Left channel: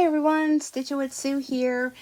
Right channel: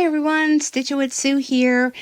Hi everyone, Stitchin with Sue here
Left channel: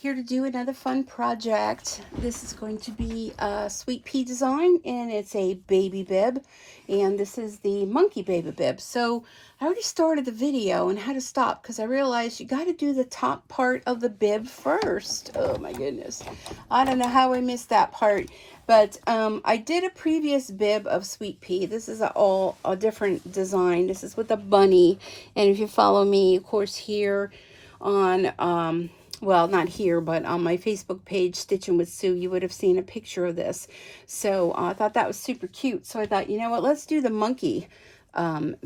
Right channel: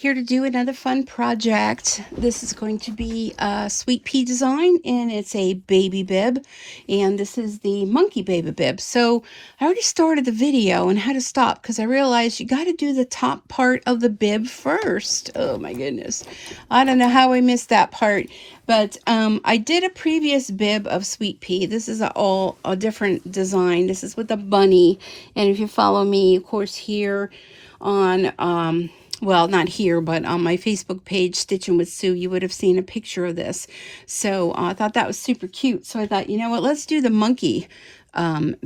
to do another fun project. This is going to be a Sweet Pea design, and it's a baby bib, and this is the monkey baby bib. So I already started the video on how to stop because I realized you got to do the top part of the bib first. Oh my goodness, I don't know how I missed that part. But I did a previous bib of Sweet Pea. This is a different design. This is with a bunny. And if you follow me, of course, here on, well, not here, but on my Facebook page, Stitchin with Sue, you would have seen a picture of this. So I thought that was super cute. So I thought, you know what, let's do the monkey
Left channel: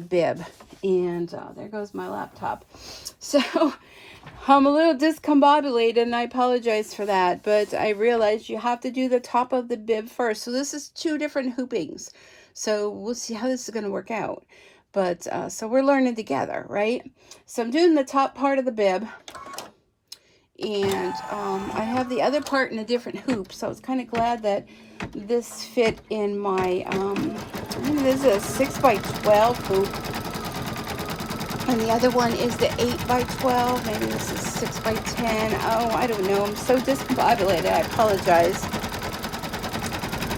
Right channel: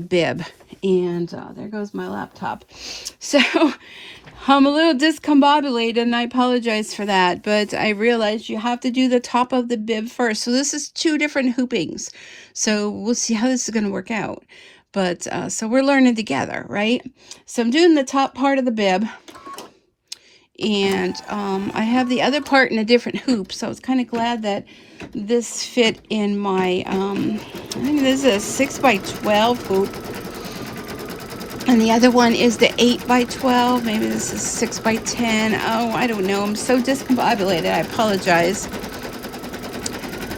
bib. And there goes my laptop. So I'm a little discombobulated, and I apologize for that, but I realized you have to do the top of the bib first. So this is two different hoopings. So we'll see how this is going to work out. But so we're learning together, right? So I'm doing the top part of the bib, and I have the other part in a different hoop, so I was kind of glad that this fit in my, I think this is a 6 by 12 hoop. And the other one is the 8 by 12. Maybe this is 6 by 10. Oh, I don't know. I'm so discombobulated. I apologize.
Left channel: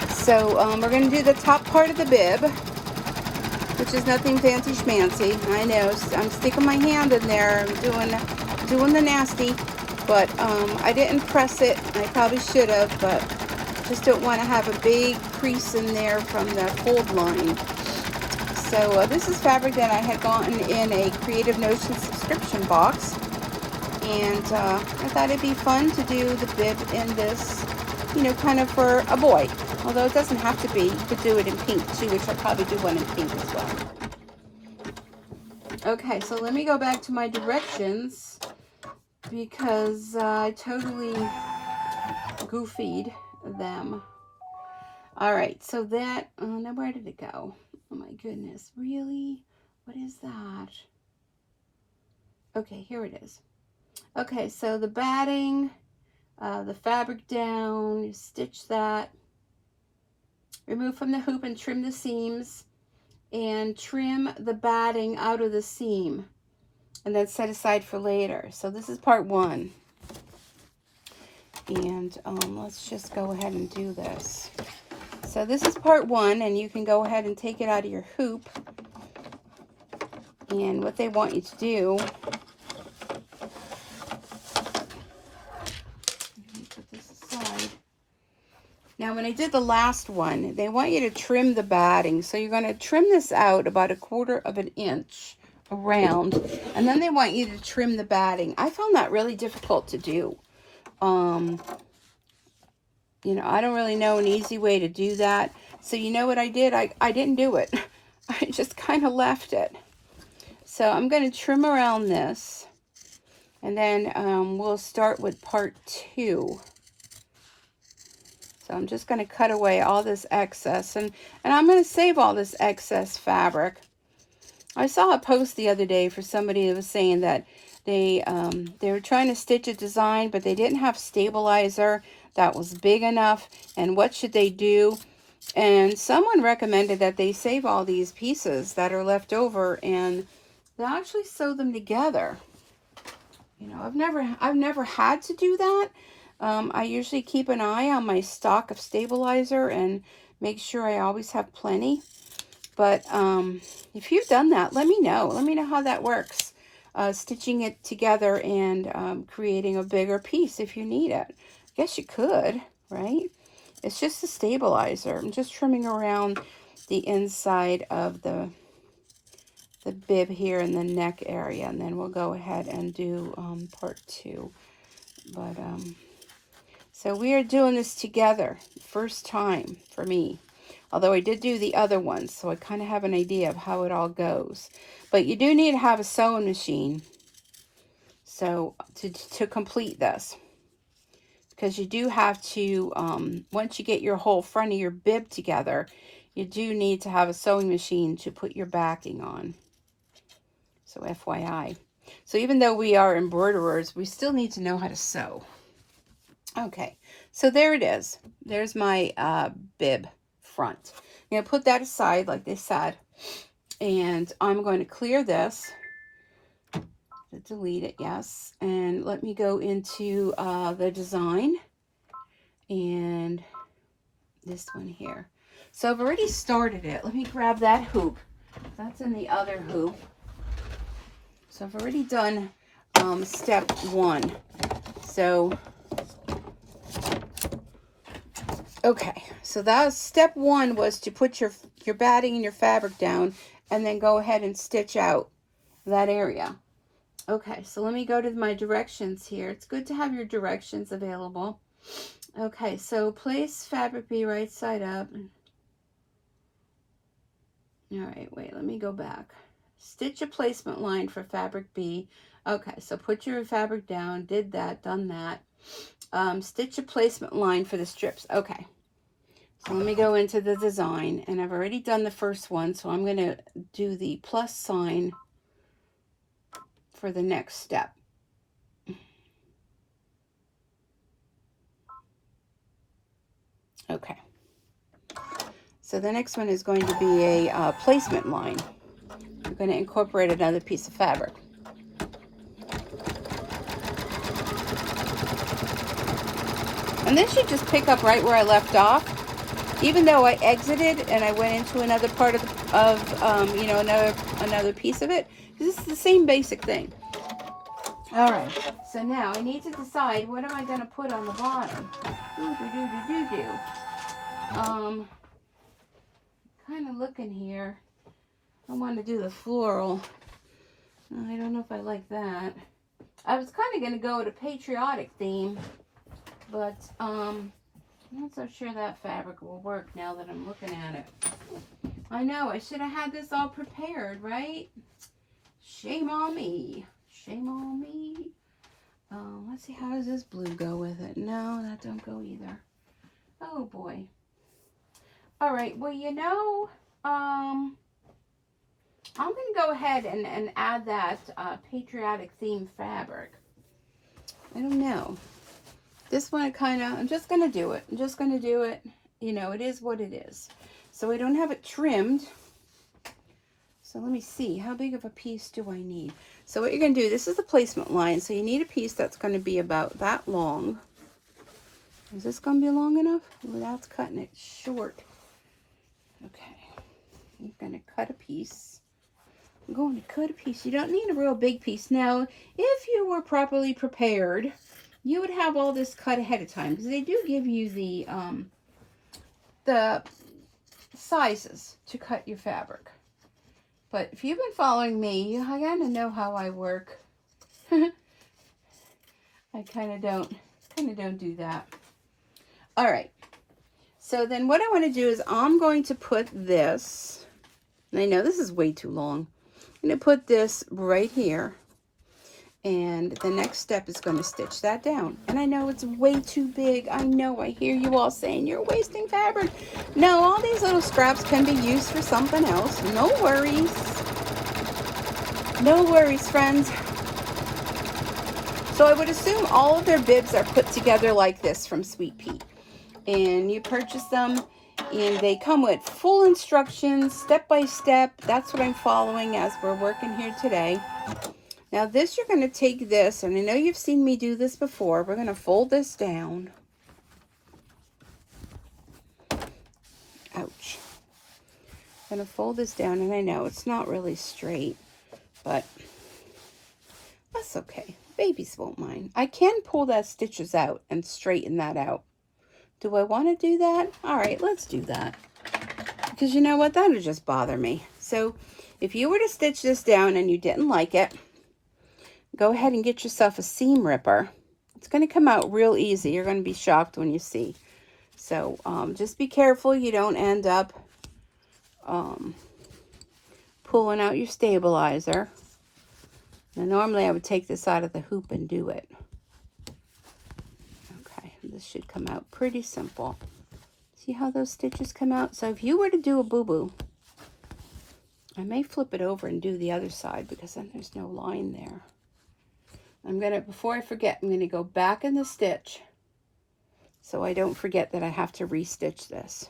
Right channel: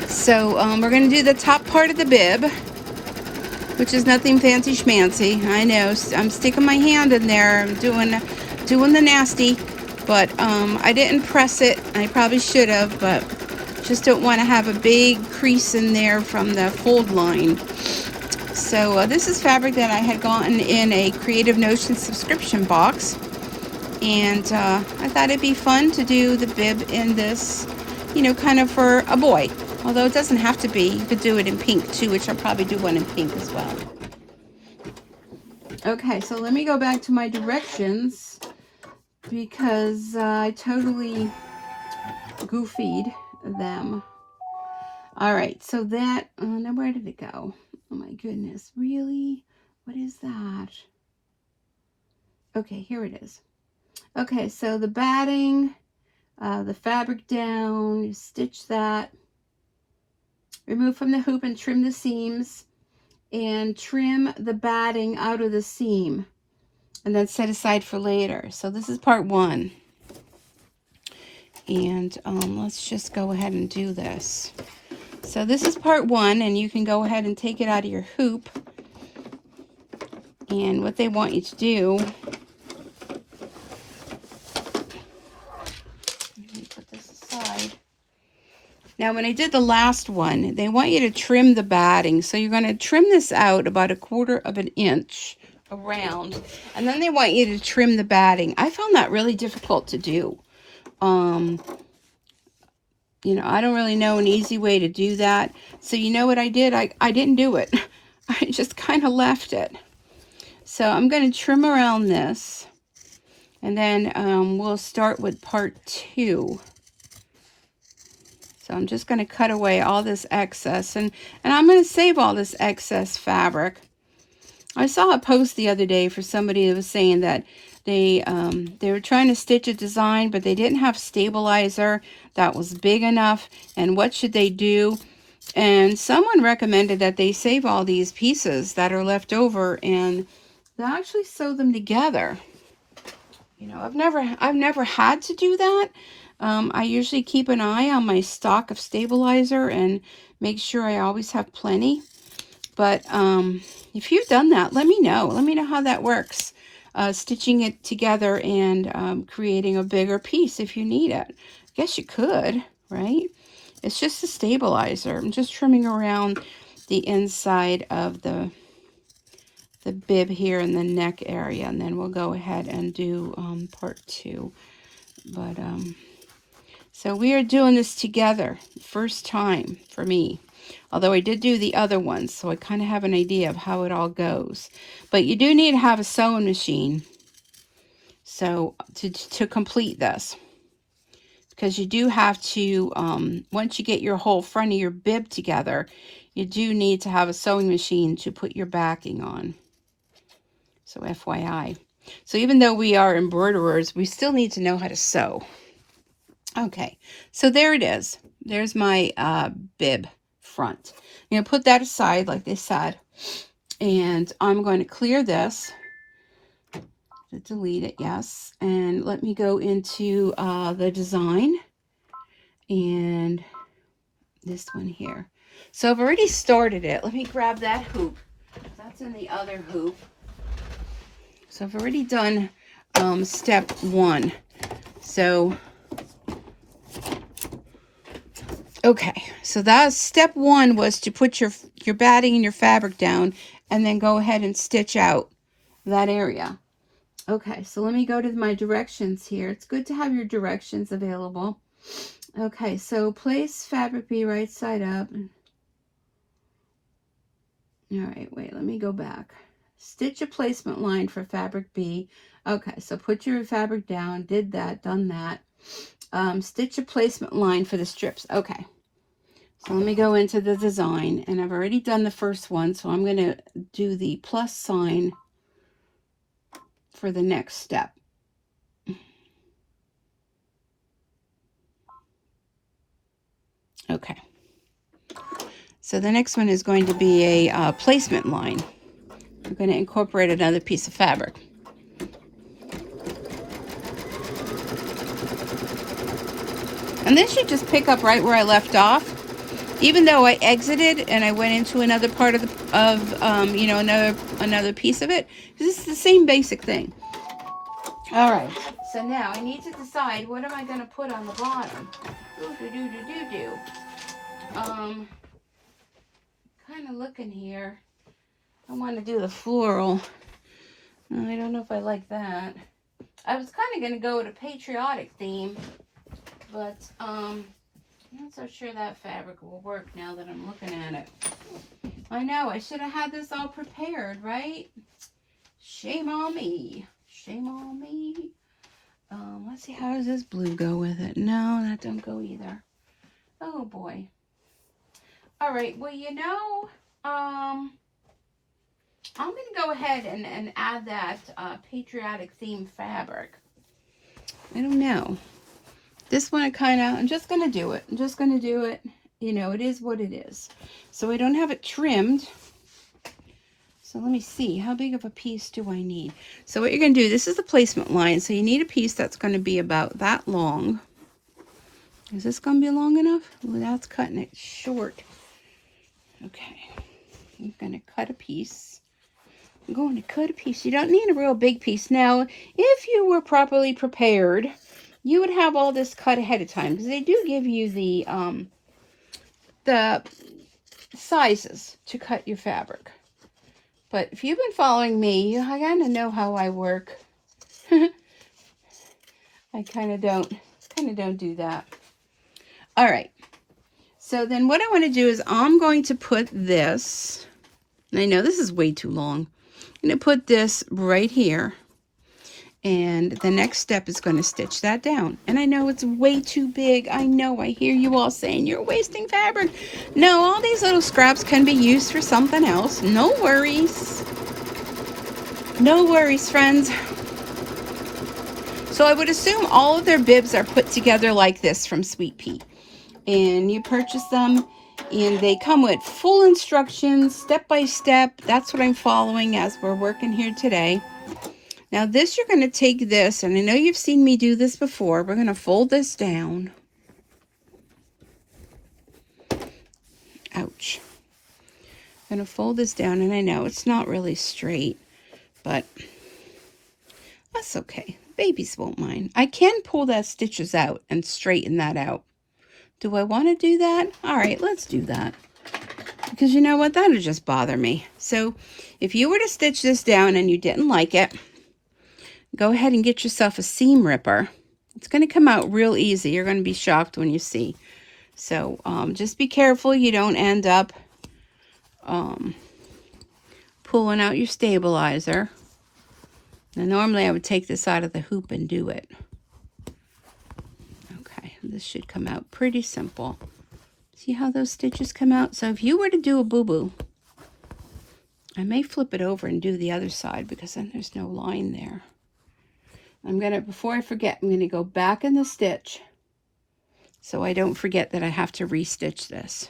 So we're going to do the top part of the bib, which is nothing fancy schmancy. I know. I'm sticking my hand in there. I'm doing the nasty. But I didn't press it. I probably should have, but just don't want to have a big crease in there from the fold line. So this is fabric that I had gotten in a Creative Notion subscription box, and I thought it'd be fun to do the bib in this, you know, kind of for a boy, although it doesn't have to be. You could do it in pink too, which I'll probably do one in pink as well. Okay, so let me go back to my directions because I totally goofied them. All right, so that, now where did it go? Oh my goodness, really? What is that? Okay, here it is. Okay, so the batting, the fabric down, you stitch that, remove from the hoop and trim the seams, and trim the batting out of the seam, and then set aside for later. So this is part one. And let's just go ahead and do this. So this is part one, and you can go ahead and take it out of your hoop. And what they want you to do, put this aside. Now when I did the last one, they want you to trim the batting. So you're going to trim this out about 1/4 of an inch around, and then they want you to trim the batting. I found that really difficult to do. You know, I don't really know an easy way to do that. So you know what I did? I didn't do it. I just kind of left it. So I'm going to trim around this. And then we'll start with part two. So I'm just going to cut away all this excess. And I'm going to save all this excess fabric. I saw a post the other day for somebody that was saying that they were trying to stitch a design, but they didn't have stabilizer that was big enough, and what should they do? And someone recommended that they save all these pieces that are left over and they actually sew them together. You know, I've never had to do that. I usually keep an eye on my stock of stabilizer and make sure I always have plenty. But if you've done that, let me know. Let me know how that works. Stitching it together and creating a bigger piece if you need it. I guess you could, right? It's just a stabilizer. I'm just trimming around the inside of the bib here in the neck area, and then we'll go ahead and do part two. But so we are doing this together, first time for me. Although I did do the other ones, so I kind of have an idea of how it all goes. But you do need to have a sewing machine so to complete this. Because you do have to, once you get your whole front of your bib together, you do need to have a sewing machine to put your backing on. So FYI. So even though we are embroiderers, we still need to know how to sew. Okay, so there it is. There's my bib front. I'm going to put that aside like they said, and I'm going to clear this, the delete it, yes. And let me go into the design and this one here. So I've already started it. Let me grab that hoop. That's in the other hoop. So I've already done step 1. So, okay. So that's step 1 was to put your batting and your fabric down and then go ahead and stitch out that area. Okay, so let me go to my directions here. It's good to have your directions available. Okay, so place fabric B right side up. All right, wait, let me go back. Stitch a placement line for fabric B. Okay, so put your fabric down, did that, done that. Stitch a placement line for the strips. Okay, so let me go into the design, and I've already done the first one, so I'm going to do the plus sign for the next step. Okay, so the next one is going to be a placement line. I'm going to incorporate another piece of fabric. And this should just pick up right where I left off. Even though I exited and I went into another part of you know, another piece of it, this is the same basic thing. All right, so now I need to decide what am I going to put on the bottom. Kind of looking here. I want to do the floral. I don't know if I like that. I was kind of going to go with a patriotic theme, but I'm not so sure that fabric will work now that I'm looking at it. I know, I should have had this all prepared, right? Shame on me. Shame on me. Let's see, how does this blue go with it? No, that don't go either. Oh, boy. All right, well, you know, I'm going to go ahead and add that patriotic theme fabric. I don't know. This one, I'm just going to do it. I'm just going to do it. You know, it is what it is. So I don't have it trimmed. So let me see, how big of a piece do I need? So what you're going to do, this is the placement line. So you need a piece that's going to be about that long. Is this going to be long enough? Well, that's cutting it short. Okay. I'm going to cut a piece. I'm going to cut a piece. You don't need a real big piece. Now, if you were properly prepared, you would have all this cut ahead of time, because they do give you the sizes to cut your fabric. But if you've been following me, I kind of know how I work. I kind of don't do that. All right. So then what I want to do is I'm going to put this, and I know this is way too long. I'm going to put this right here. And the next step is going to stitch that down. And I know it's way too big. I know, I hear you all saying you're wasting fabric. No, all these little scraps can be used for something else. No worries. No worries, friends. So I would assume all of their bibs are put together like this from Sweet Pea. And you purchase them, and they come with full instructions, step by step. That's what I'm following as we're working here today. Now this, you're going to take this, and I know you've seen me do this before. We're going to fold this down. Ouch. I'm going to fold this down, and I know it's not really straight, but that's okay. Babies won't mind. I can pull that stitches out and straighten that out. Do I want to do that? All right, let's do that. Because you know what? That'll just bother me. So if you were to stitch this down and you didn't like it, go ahead and get yourself a seam ripper. It's going to come out real easy. You're going to be shocked when you see. So just be careful you don't end up pulling out your stabilizer. Now normally I would take this out of the hoop and do it. Okay, this should come out pretty simple. See how those stitches come out? So if you were to do a boo-boo, I may flip it over and do the other side, because then there's no line there. I'm going to, before I forget, I'm going to go back in the stitch so I don't forget that I have to restitch this.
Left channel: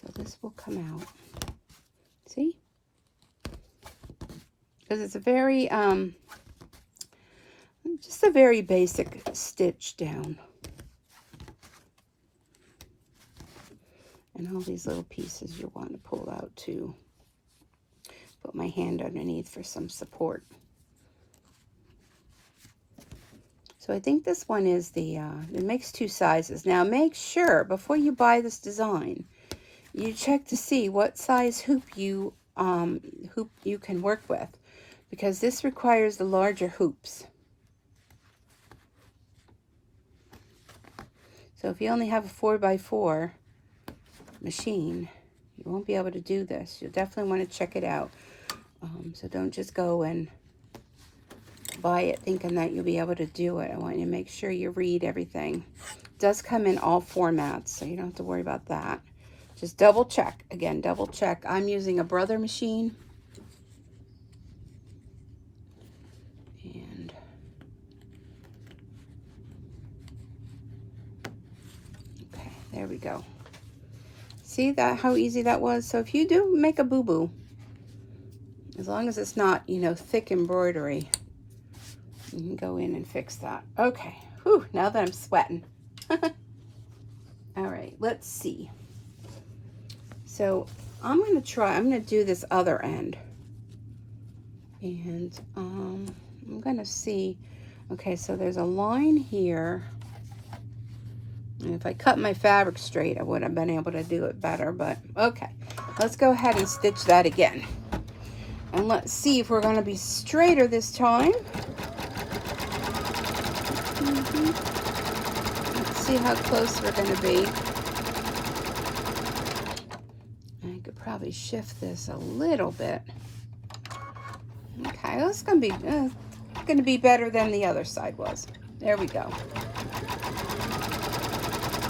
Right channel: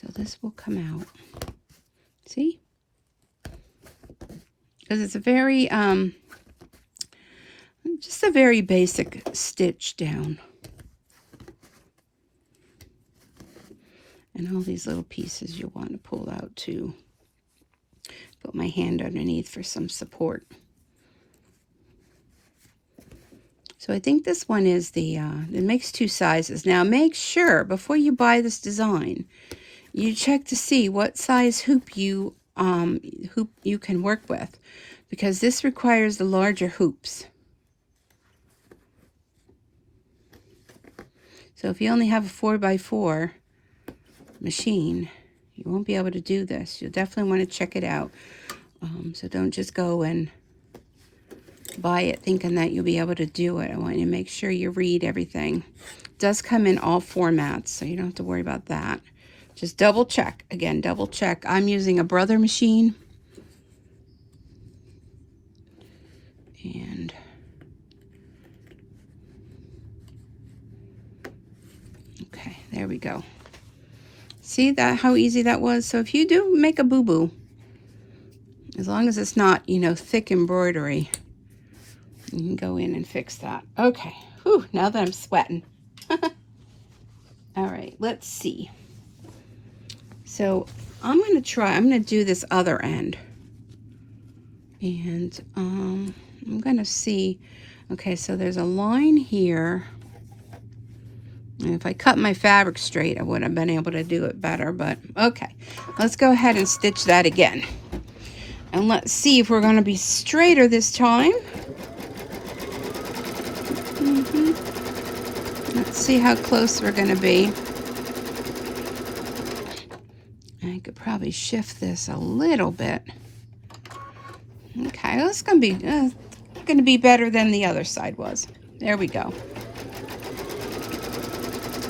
So this will come out. because it's a very, just a very basic stitch down. And all these little pieces you'll want to pull out too. Put my hand underneath for some support. So I think this one is the, it makes 2 sizes. Now make sure before you buy this design, you check to see what size hoop you can work with, because this requires the larger hoops. So if you only have a 4x4 machine, you won't be able to do this. You'll definitely want to check it out. So don't just go and buy it thinking that you'll be able to do it. I want you to make sure you read everything. It does come in all formats, so you don't have to worry about that. Just double check. Again, double check. I'm using a Brother machine. And okay, there we go. See that how easy that was? So if you do make a boo-boo, as long as it's not, you know, thick embroidery, you can go in and fix that. Okay. Whew, now that I'm sweating. All right, let's see. So I'm going to do this other end. And I'm going to see, okay, so there's a line here. And if I cut my fabric straight, I would have been able to do it better, but okay. Let's go ahead and stitch that again. And let's see if we're going to be straighter this time. Let's see how close we're going to be. I could probably shift this a little bit. Okay, that's going to be better than the other side was. There we go.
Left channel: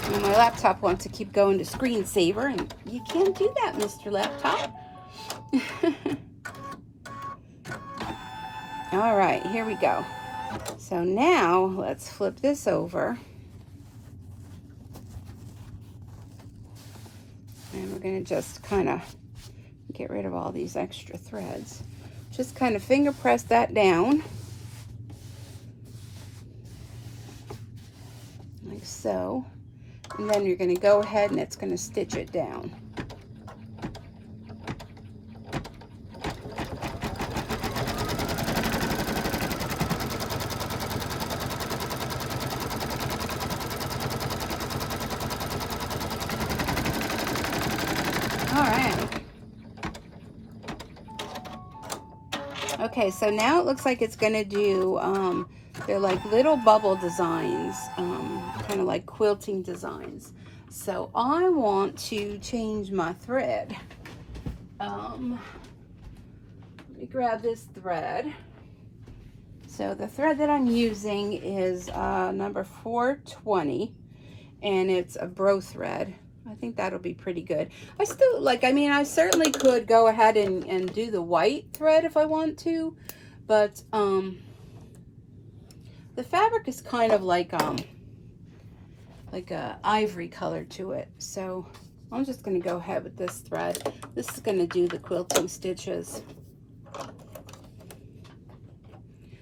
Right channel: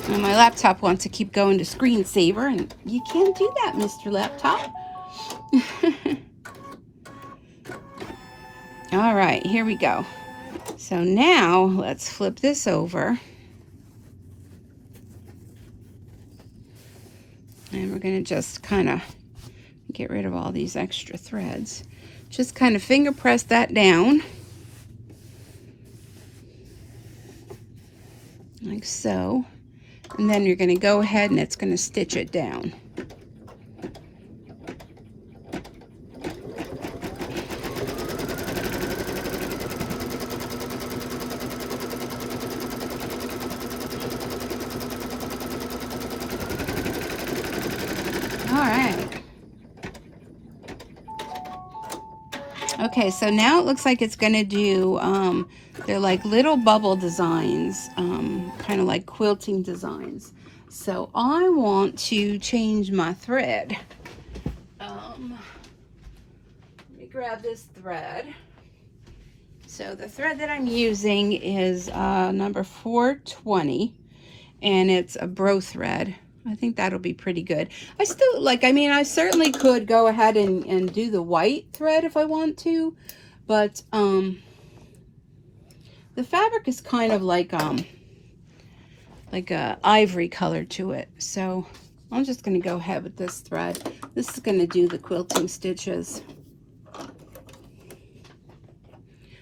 And my laptop wants to keep going to screensaver, and you can't do that, Mr. Laptop. All right, here we go. So now let's flip this over. And we're going to just kind of get rid of all these extra threads. Just kind of finger press that down. Like so. And then you're going to go ahead and it's going to stitch it down. Okay, so now it looks like it's going to do, they're like little bubble designs, kind of like quilting designs. So I want to change my thread. Let me grab this thread. So the thread that I'm using is number 420, and it's a bro thread. I think that'll be pretty good. I still like, I mean, I certainly could go ahead and do the white thread if I want to, but the fabric is kind of like a ivory color to it. So I'm just going to go ahead with this thread. This is going to do the quilting stitches.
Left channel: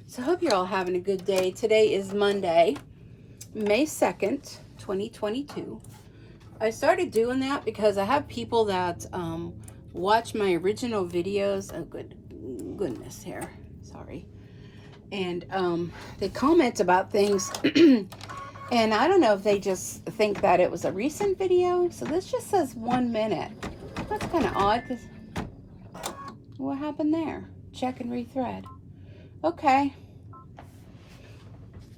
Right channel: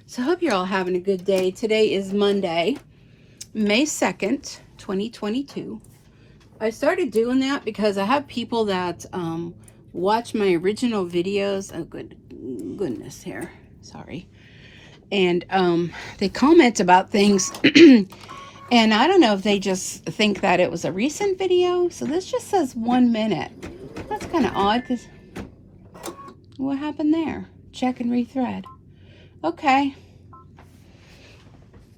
So I hope you're all having a good day. Today is Monday, May 2nd, 2022. I started doing that because I have people that watch my original videos. Oh, goodness here. Sorry. And they comment about things. And I don't know if they just think that it was a recent video. So this just says 1 minute. That's kind of odd because what happened there? Check and rethread. Okay.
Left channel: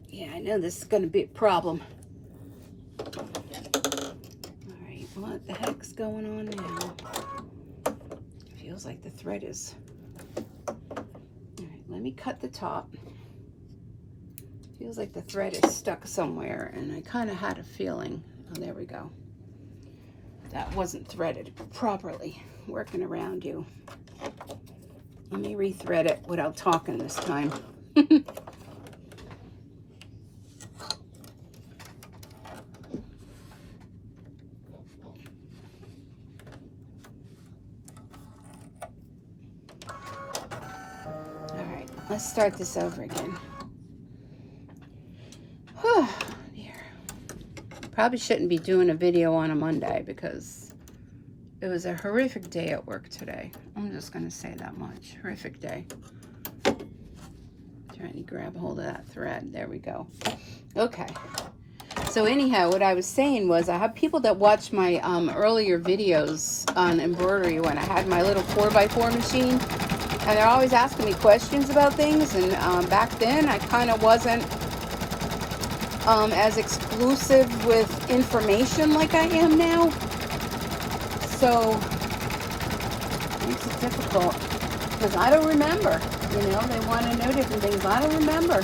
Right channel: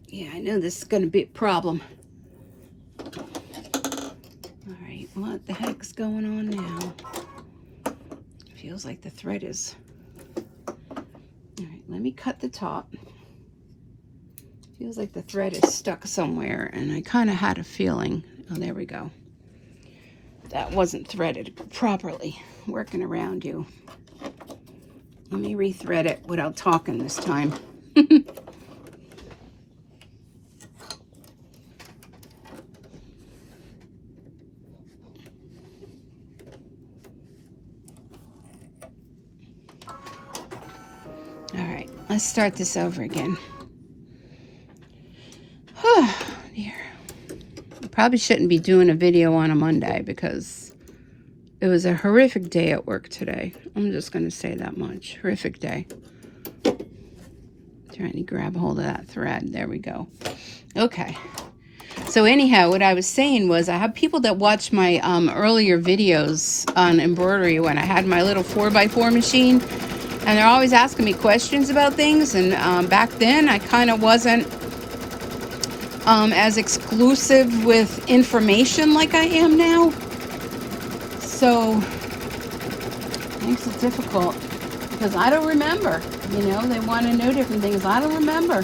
Yeah, I know this is going to be a problem. What the heck's going on now? It feels like the thread is... Alright, let me cut the top. Feels like the thread is stuck somewhere, and I kind of had a feeling... Oh, there we go. That wasn't threaded properly. Working around you. Let me rethread it without talking this time. Let's start this over again. Oh, dear. I probably shouldn't be doing a video on a Monday because it was a horrific day at work today. I'm just going to say that much. Horrific day. Trying to grab a hold of that thread. There we go. Okay. So anyhow, what I was saying was I have people that watch my earlier videos on embroidery when I had my little 4x4 machine, and they're always asking me questions about things, and back then I kind of wasn't as exclusive with information like I am now. So it makes it difficult because I don't remember. You know, they want to know different things. I don't remember.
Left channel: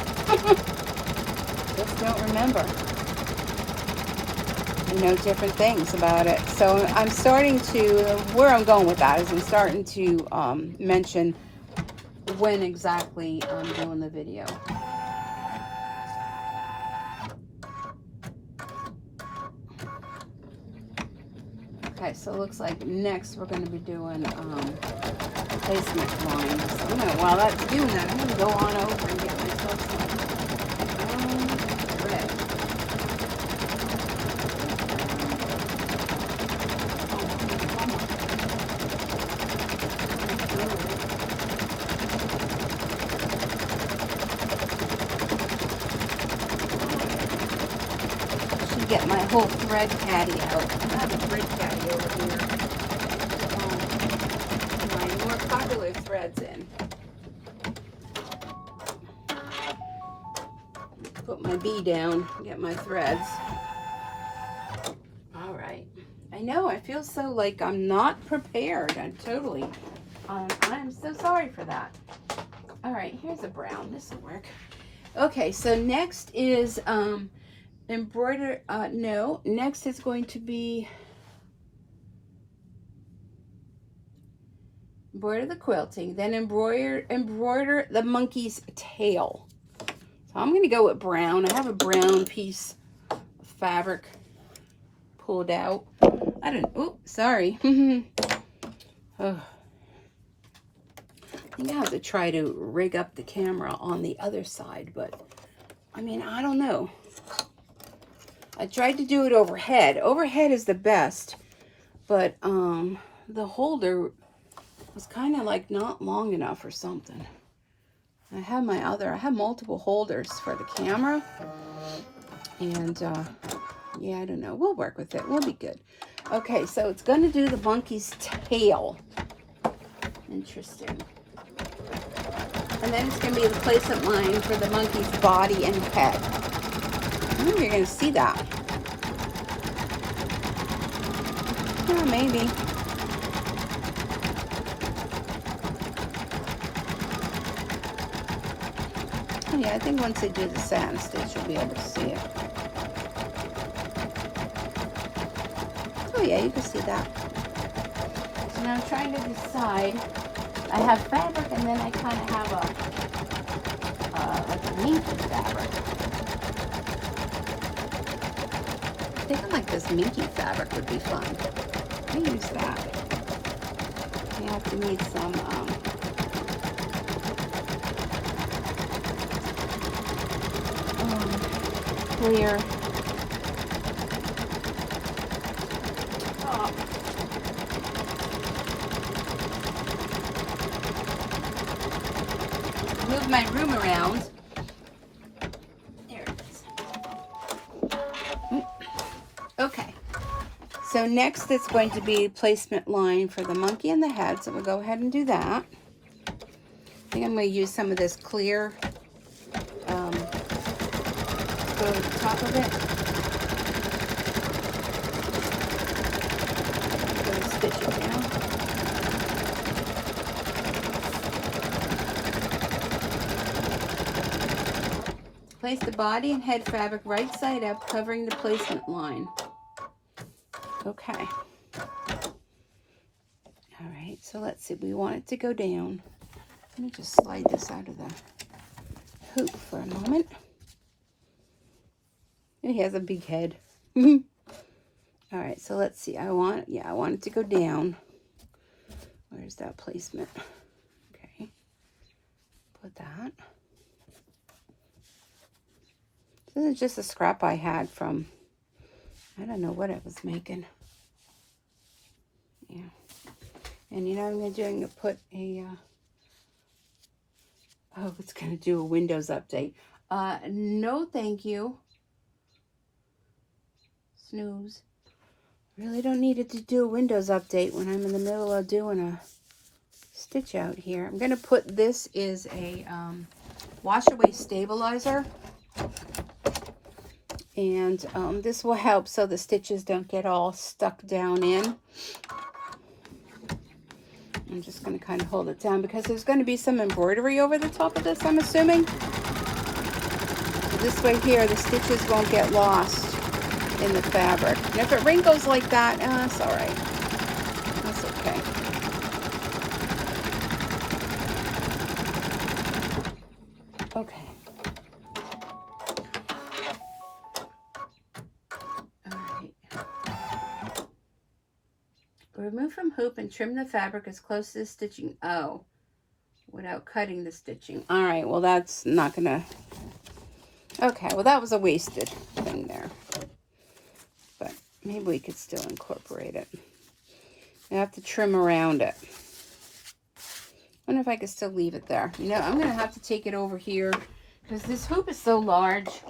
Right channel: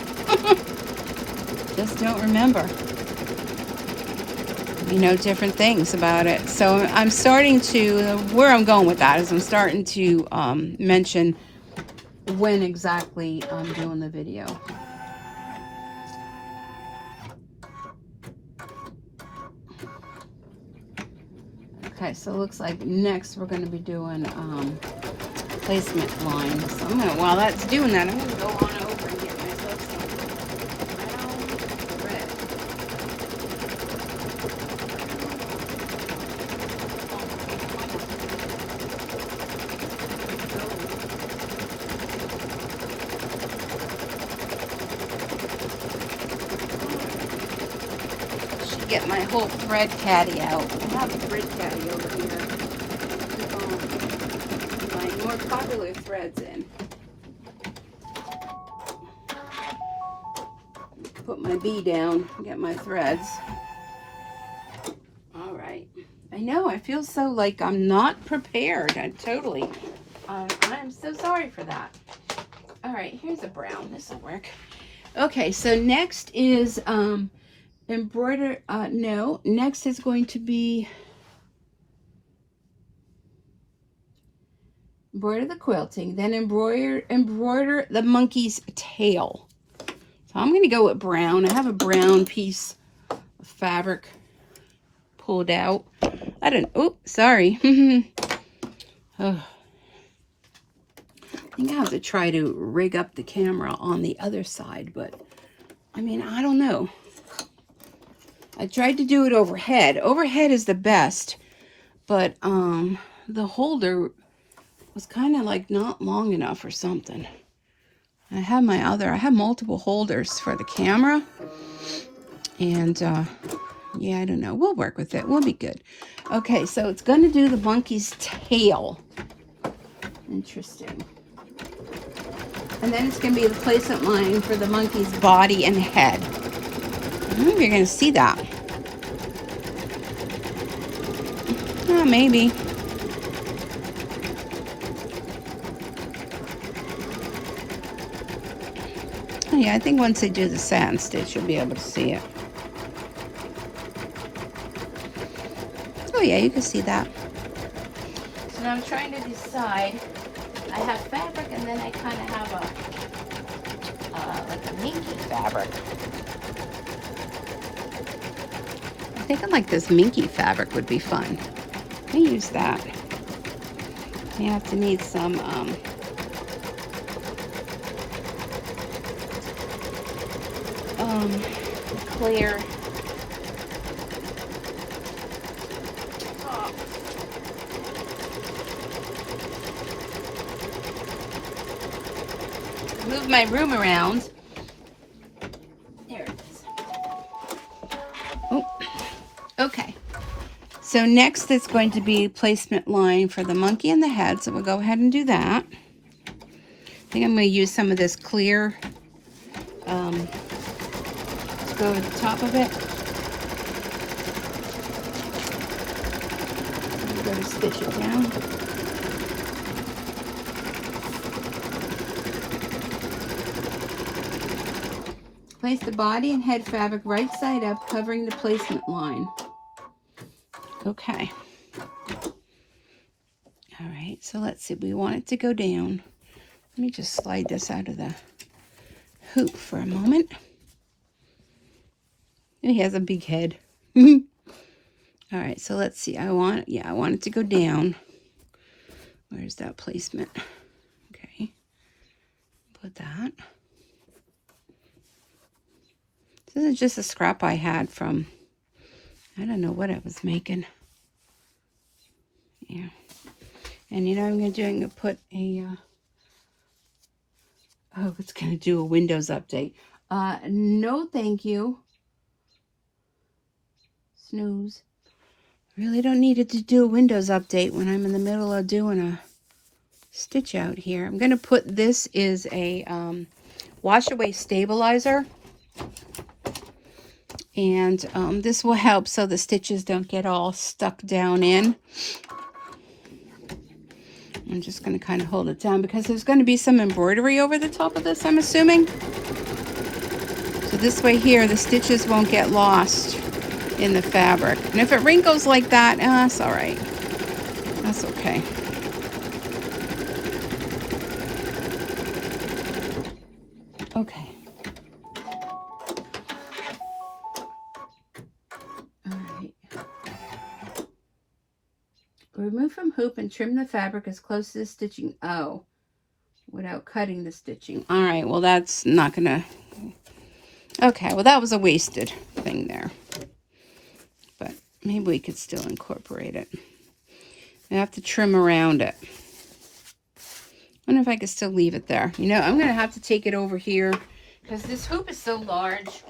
Just don't remember. You know, different things about it. So I'm starting to, where I'm going with that is I'm starting to mention when exactly I'm doing the video. Okay, so it looks like next we're going to be doing placement lines. I'm gonna, while that's doing that, I'm going to go on over and get myself some thread. Should get my whole thread caddy out. I have a thread caddy over here. My more popular threads in. Put my bee down, get my threads. All right. I know, I feel so like I'm not prepared. I'm so sorry for that. All right, here's a brown. This will work. Okay, so next is embroider. No, next is going to be embroider the quilting, then embroider the monkey's tail. So I'm going to go with brown. I have a brown piece of fabric pulled out. I don't, oh, sorry. Oh. I think I have to try to rig up the camera on the other side, but I mean, I don't know. I tried to do it overhead. Overhead is the best, but the holder was kind of like not long enough or something. I have multiple holders for the camera, and yeah, I don't know. We'll work with it. We'll be good. Okay, so it's going to do the monkey's tail. Interesting. And then it's going to be the placement line for the monkey's body and head. I don't know if you're going to see that. Oh, maybe. Oh, yeah, I think once they do the satin stitch, you'll be able to see it. Oh, yeah, you can see that. So now I'm trying to decide. I have fabric, and then I kind of have like a minky fabric. I think I like this minky fabric would be fun. Let me use that. You have to need some clear. Move my room around. There it is. Oh, okay. So next is going to be placement line for the monkey and the head. So we'll go ahead and do that. I think I'm going to use some of this clear to go over the top of it. I'm going to stitch it down. Place the body and head fabric right side up, covering the placement line. Okay. All right, so let's see. We want it to go down. Let me just slide this out of the hoop for a moment. And he has a big head. All right, so let's see. I want it to go down. Where's that placement? Okay. Put that. This is just a scrap I had from, I don't know what I was making. Yeah. And you know what I'm going to do? I'm going to put a, oh, it's going to do a Windows update. No, thank you. Snooze. Really don't need it to do a Windows update when I'm in the middle of doing a stitch out here. I'm going to put, this is a wash away stabilizer. And this will help so the stitches don't get all stuck down in. I'm just going to kind of hold it down because there's going to be some embroidery over the top of this, I'm assuming. So this way here, the stitches won't get lost in the fabric. And if it wrinkles like that, that's all right. That's okay. Okay. All right. Remove from hoop and trim the fabric as close to the stitching. Oh, without cutting the stitching. All right, well, that's not gonna. Okay, well, that was a wasted thing there. But maybe we could still incorporate it. I have to trim around it. I wonder if I could still leave it there. You know, I'm gonna have to take it over here because this hoop is so large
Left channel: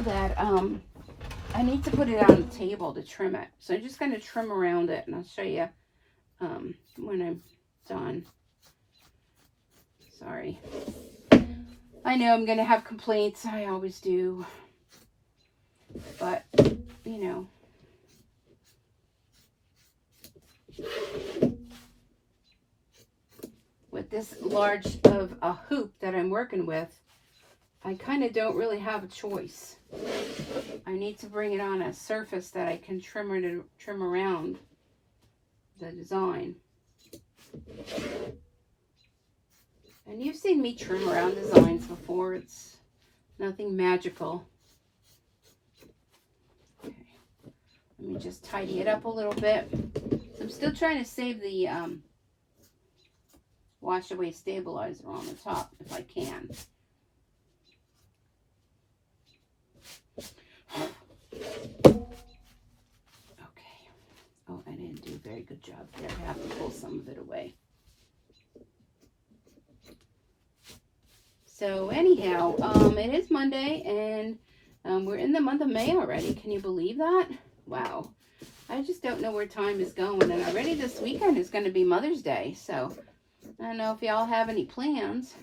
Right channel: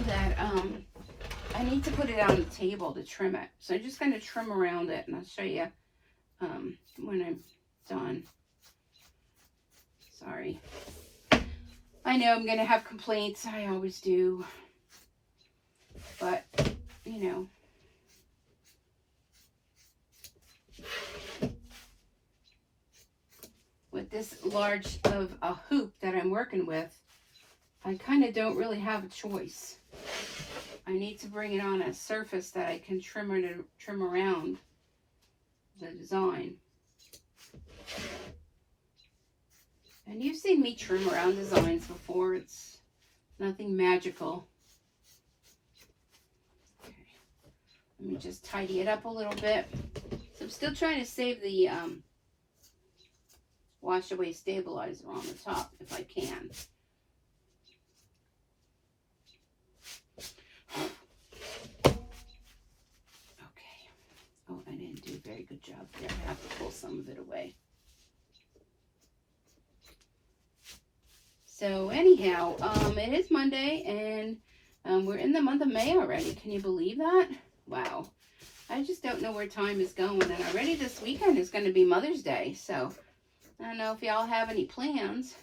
that I need to put it on the table to trim it. So I'm just going to trim around it, and I'll show you when I'm done. Sorry. I know I'm going to have complaints. I always do. But, you know, with this large of a hoop that I'm working with, I kind of don't really have a choice. I need to bring it on a surface that I can trim around the design. And you've seen me trim around designs before. It's nothing magical. Okay. Let me just tidy it up a little bit. So I'm still trying to save the wash away stabilizer on the top if I can. Okay. Oh, I didn't do a very good job there. I have to pull some of it away. So anyhow, it is Monday, and we're in the month of May already. Can you believe that? Wow. I just don't know where time is going. And already this weekend is going to be Mother's Day. So I don't know if y'all have any plans.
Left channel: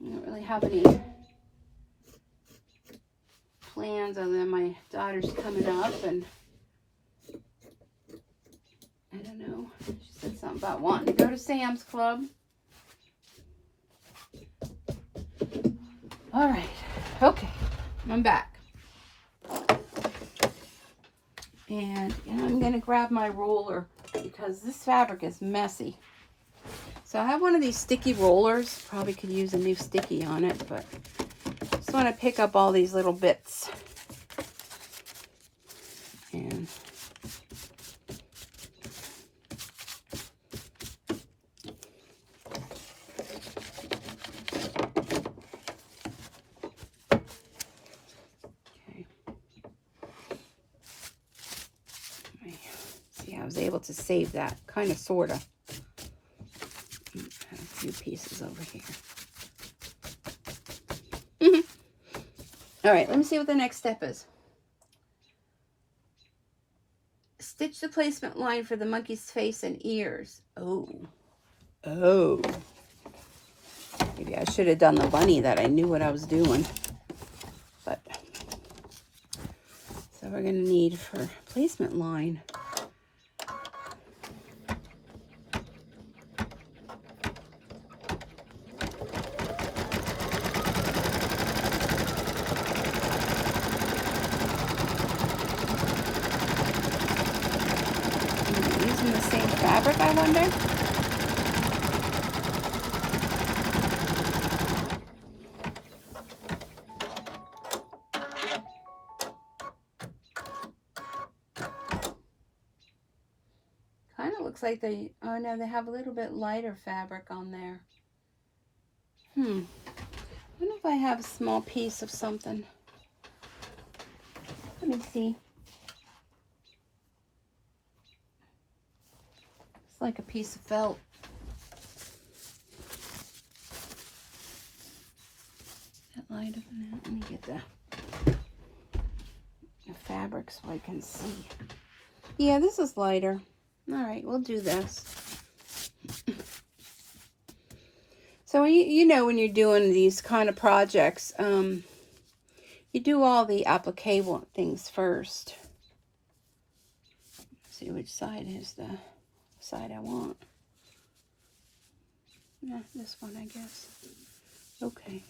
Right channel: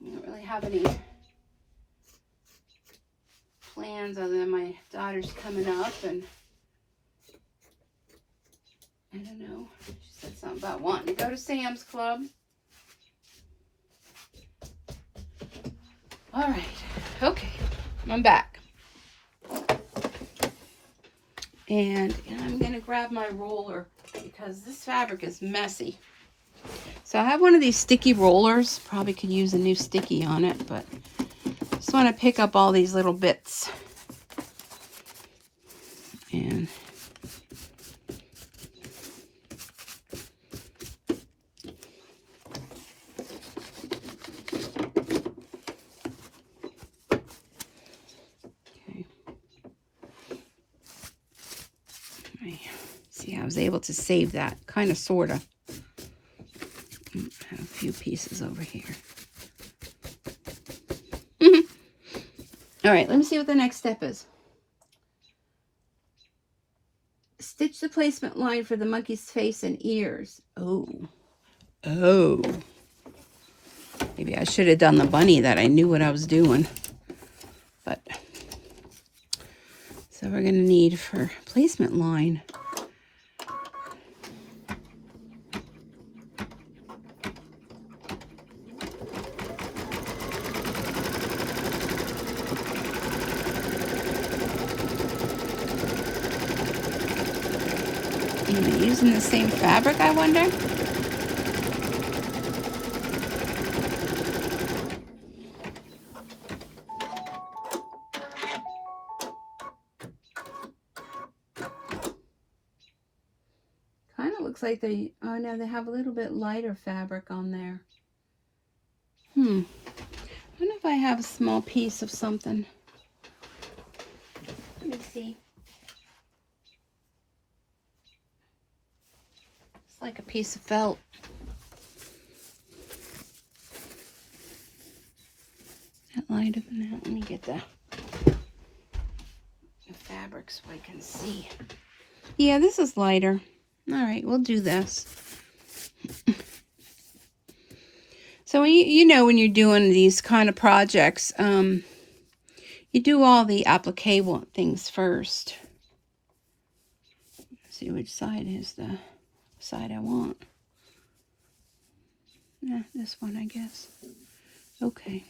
I don't really have any plans other than my daughter's coming up, and I don't know. She said something about wanting to go to Sam's Club. All right. Okay. I'm back. And I'm going to grab my roller because this fabric is messy. So I have one of these sticky rollers. Probably could use a new sticky on it, but just want to pick up all these little bits. And okay. See, I was able to save that, kind of, sort of. I have a few pieces over here. All right, let me see what the next step is. Stitch the placement line for the monkey's face and ears. Oh. Oh. Maybe I should have done the bunny, that I knew what I was doing. But, so we're going to need for placement line. Using the same fabric, I wonder? Kind of looks like they, oh no, they have a little bit lighter fabric on there. I don't know if I have a small piece of something. Let me see. It's like a piece of felt. That lighter than that. Let me get the fabric so I can see. Yeah, this is lighter. All right, we'll do this. So you know, when you're doing these kind of projects, you do all the applique things first. Let's see which side is the side I want. This one, I guess. Okay.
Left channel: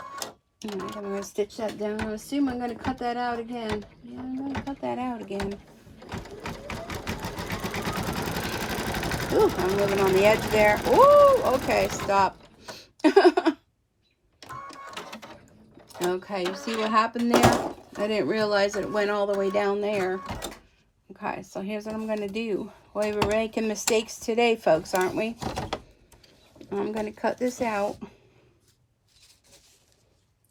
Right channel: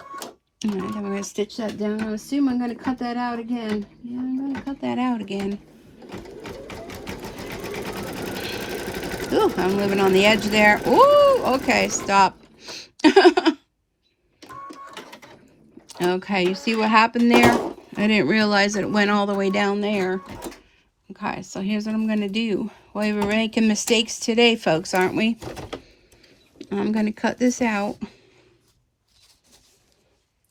All right, I'm going to stitch that down. I assume I'm going to cut that out again. Yeah, I'm going to cut that out again. Oh, I'm moving on the edge there. Oh, okay, stop. Okay, you see what happened there? I didn't realize it went all the way down there. Okay, so here's what I'm going to do. Boy, we're making mistakes today, folks, aren't we? I'm going to cut this out.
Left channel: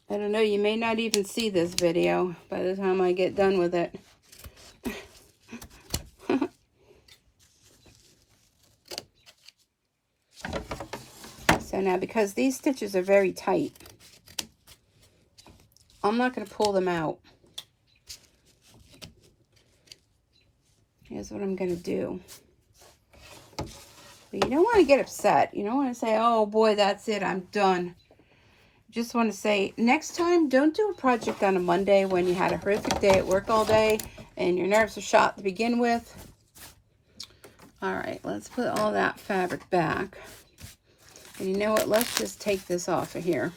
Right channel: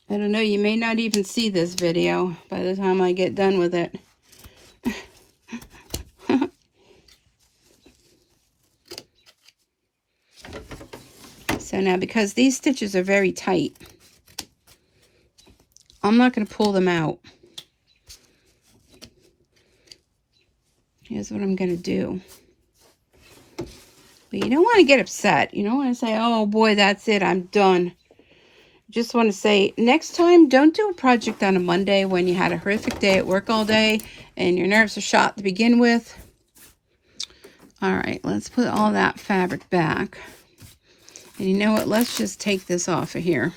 I don't know, you may not even see this video by the time I get done with it. So now, because these stitches are very tight, I'm not going to pull them out. Here's what I'm going to do. But you don't want to get upset. You don't want to say, oh boy, that's it, I'm done. Just want to say, next time, don't do a project on a Monday when you had a horrific day at work all day and your nerves are shot to begin with. All right, let's put all that fabric back. And you know what? Let's just take this off of here.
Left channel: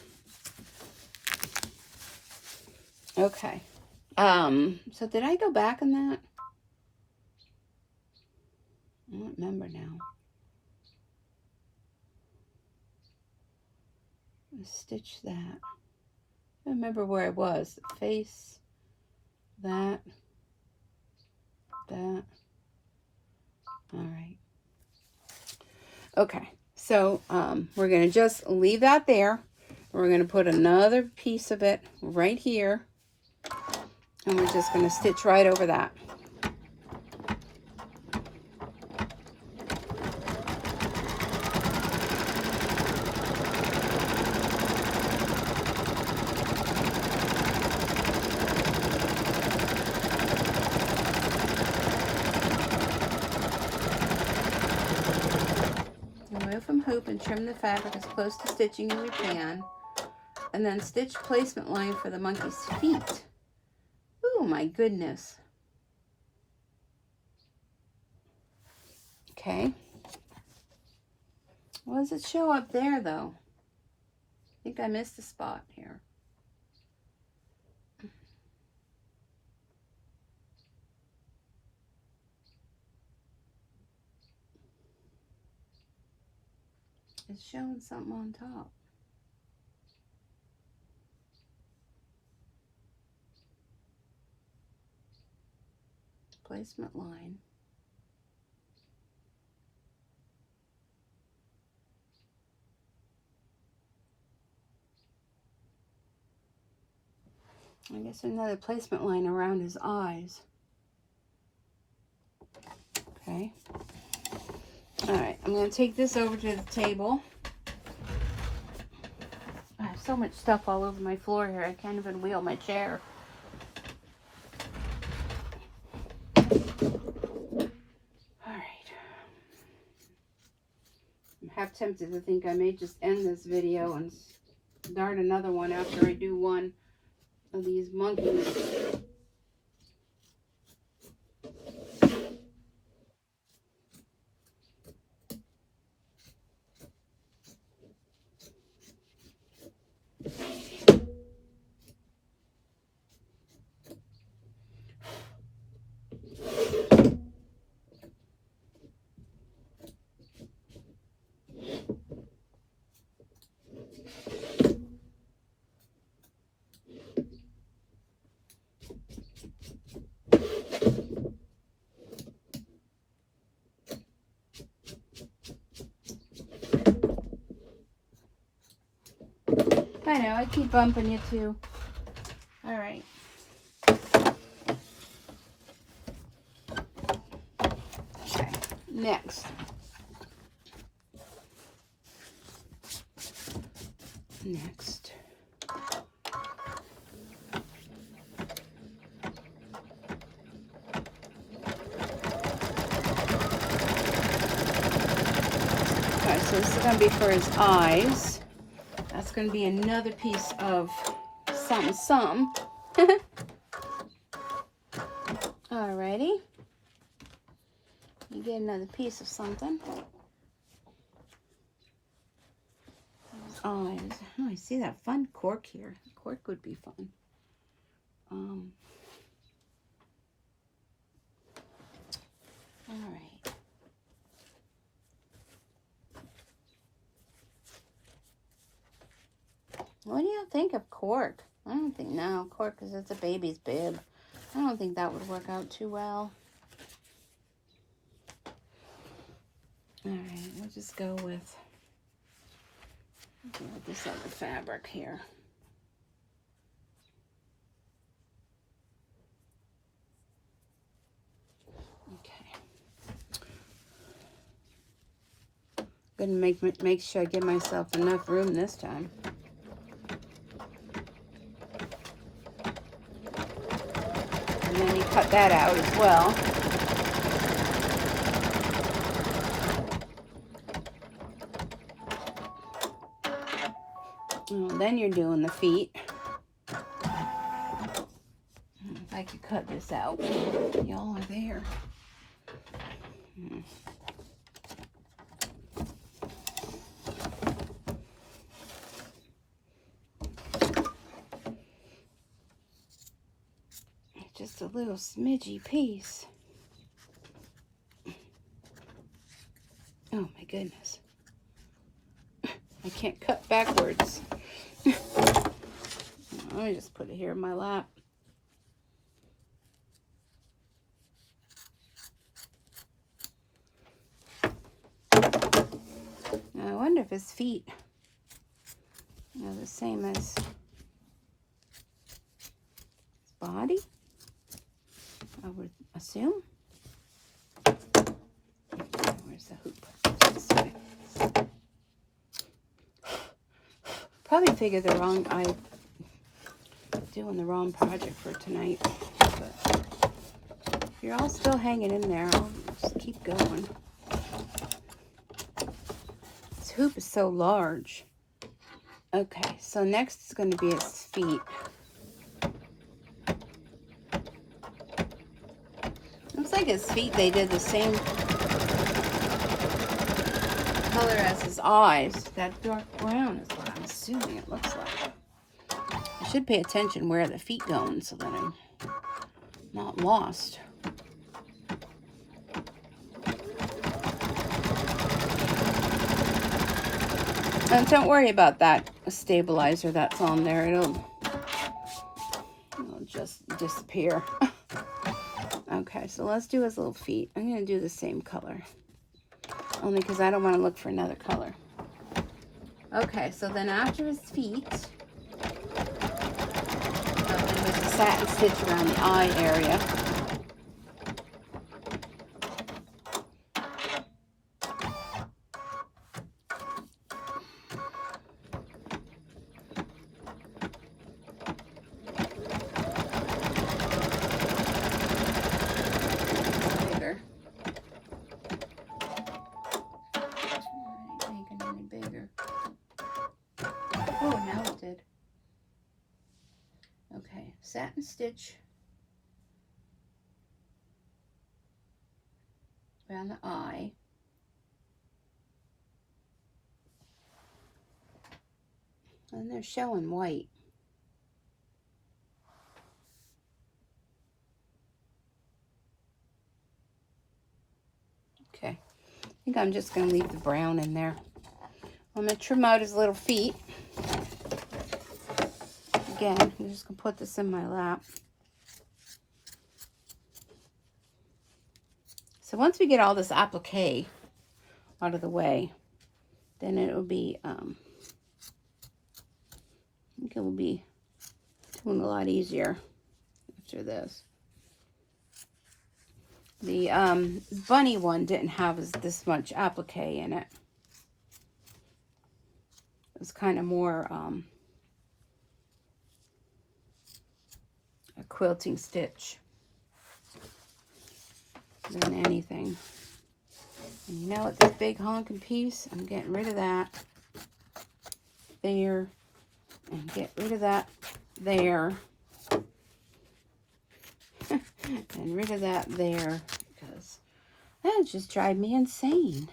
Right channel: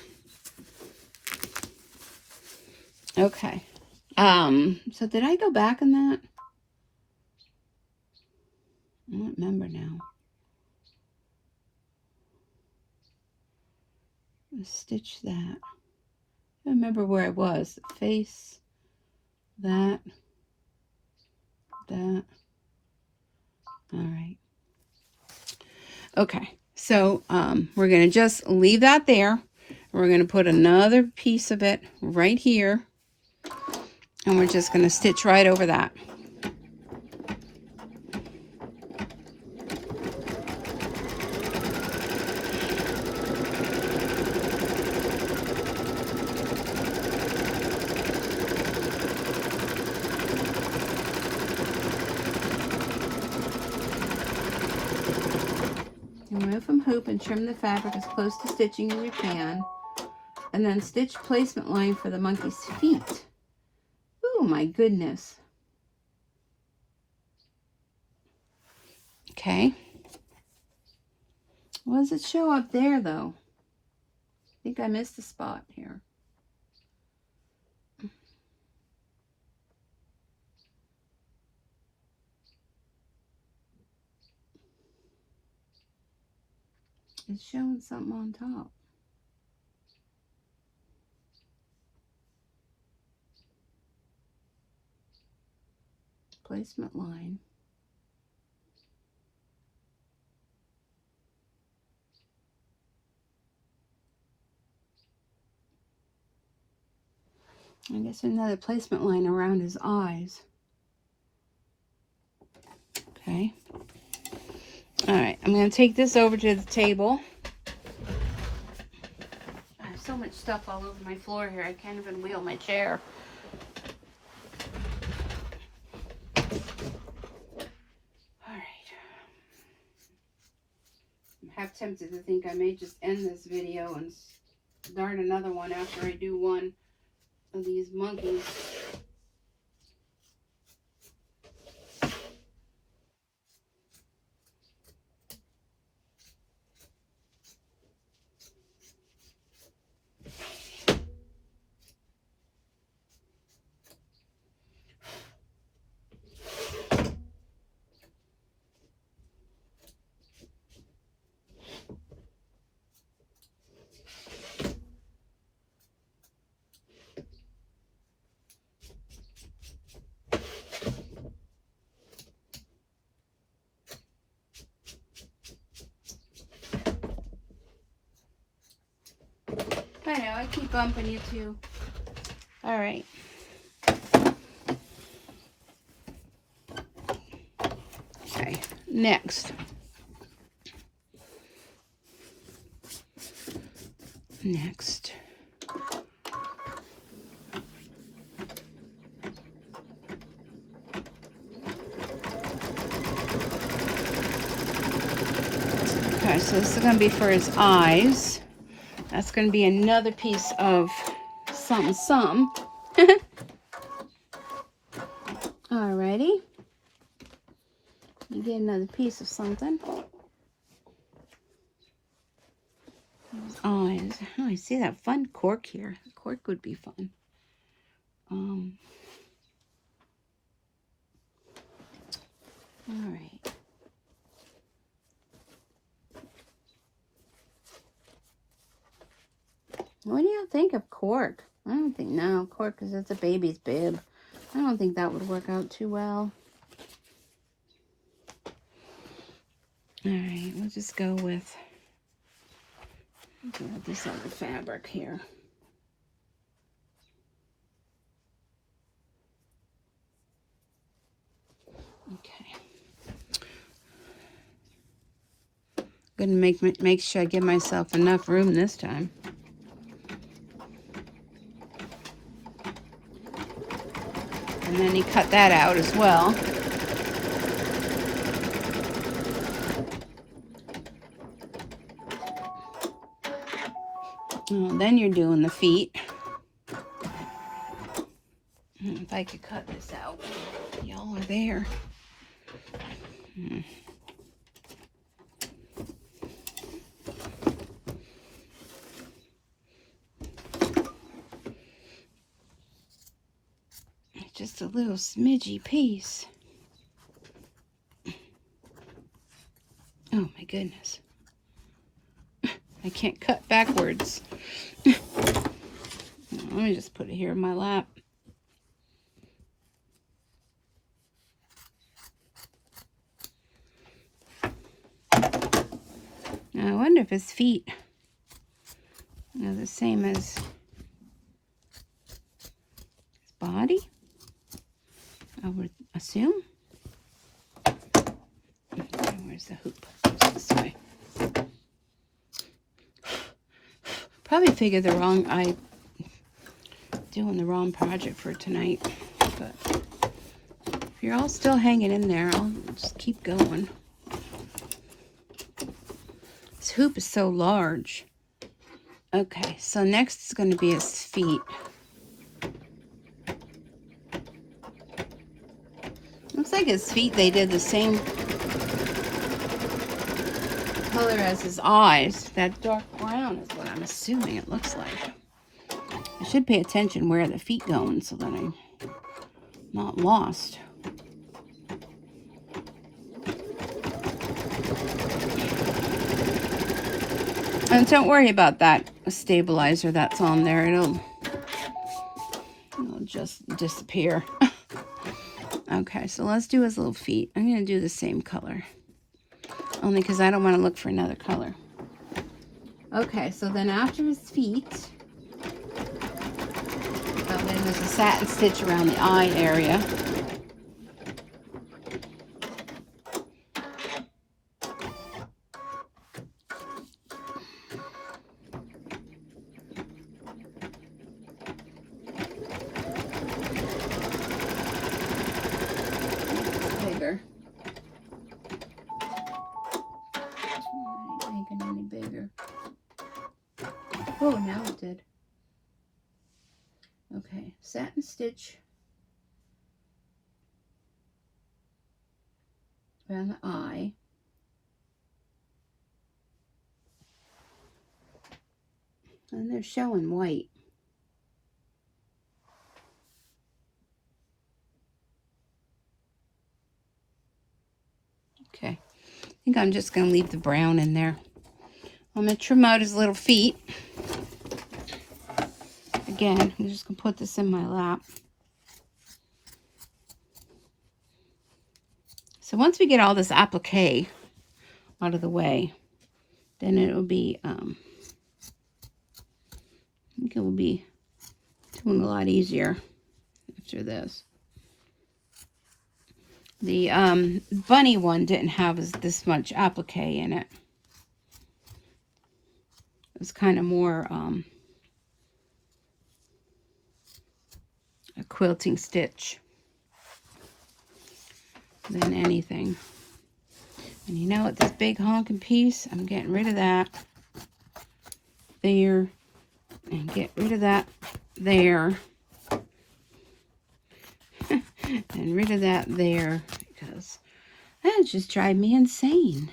Okay. So did I go back on that? I don't remember now. Let's stitch that. I don't remember where I was. The face, that. All right. Okay. So we're going to just leave that there. We're going to put another piece of it right here. And we're just going to stitch right over that. Remove from hoop and trim the fabric as close to stitching as you can. And then stitch placement line for the monkey's feet. Oh my goodness. Okay. What does it show up there though? I think I missed a spot here. It's showing something on top. Placement line. I guess another placement line around his eyes. Okay. All right, I'm going to take this over to the table. I have so much stuff all over my floor here, I can't even wheel my chair. All right. I'm half tempted to think I may just end this video and start another one after I do one of these monkeys. I know, I keep bumping you too. All right. Okay, next. Next. Okay, so this is going to be for his eyes. That's going to be another piece of something. Alrighty. You get another piece of something. His eyes. Oh, I see that fun cork here. The cork would be fun. Alright. What do you think of cork? I don't think, no, cork because it's a baby's bib. I don't think that would work out too well. Alright, we'll just go with this other fabric here. Okay. Gonna make sure I give myself enough room this time. And then you cut that out as well. Oh, then you're doing the feet. If I could cut this out. Y'all are there. Just a little smidgy piece. Oh my goodness. I can't cut backwards. Let me just put it here in my lap. Now I wonder if his feet are the same as his body. I would assume. Where's the hoop? This way. Probably figured I'm doing the wrong project for tonight. But if you're all still hanging in there, I'll just keep going. This hoop is so large. Okay, so next is going to be his feet. Looks like his feet, they did the same color as his eyes. That dark brown is what I'm assuming it looks like. I should pay attention where the feet going so that I'm not lost. And don't worry about that stabilizer that's on there. It'll just disappear. Okay, so let's do his little feet. I'm going to do the same color. Only because I don't want to look for another color. Okay, so then after his feet, there's a satin stitch around the eye area. Any bigger. Oh, now it did. Okay, satin stitch around the eye. And they're showing white. Okay, I think I'm just going to leave the brown in there. I'm going to trim out his little feet. Again, I'm just going to put this in my lap. So once we get all this applique out of the way, then it'll be think it will be doing a lot easier after this. The bunny one didn't have this much applique in it. It was kind of more a quilting stitch than anything. And you know what, this big honking piece, I'm getting rid of that there, and get rid of that there, and rid of that there, because that just drive me insane.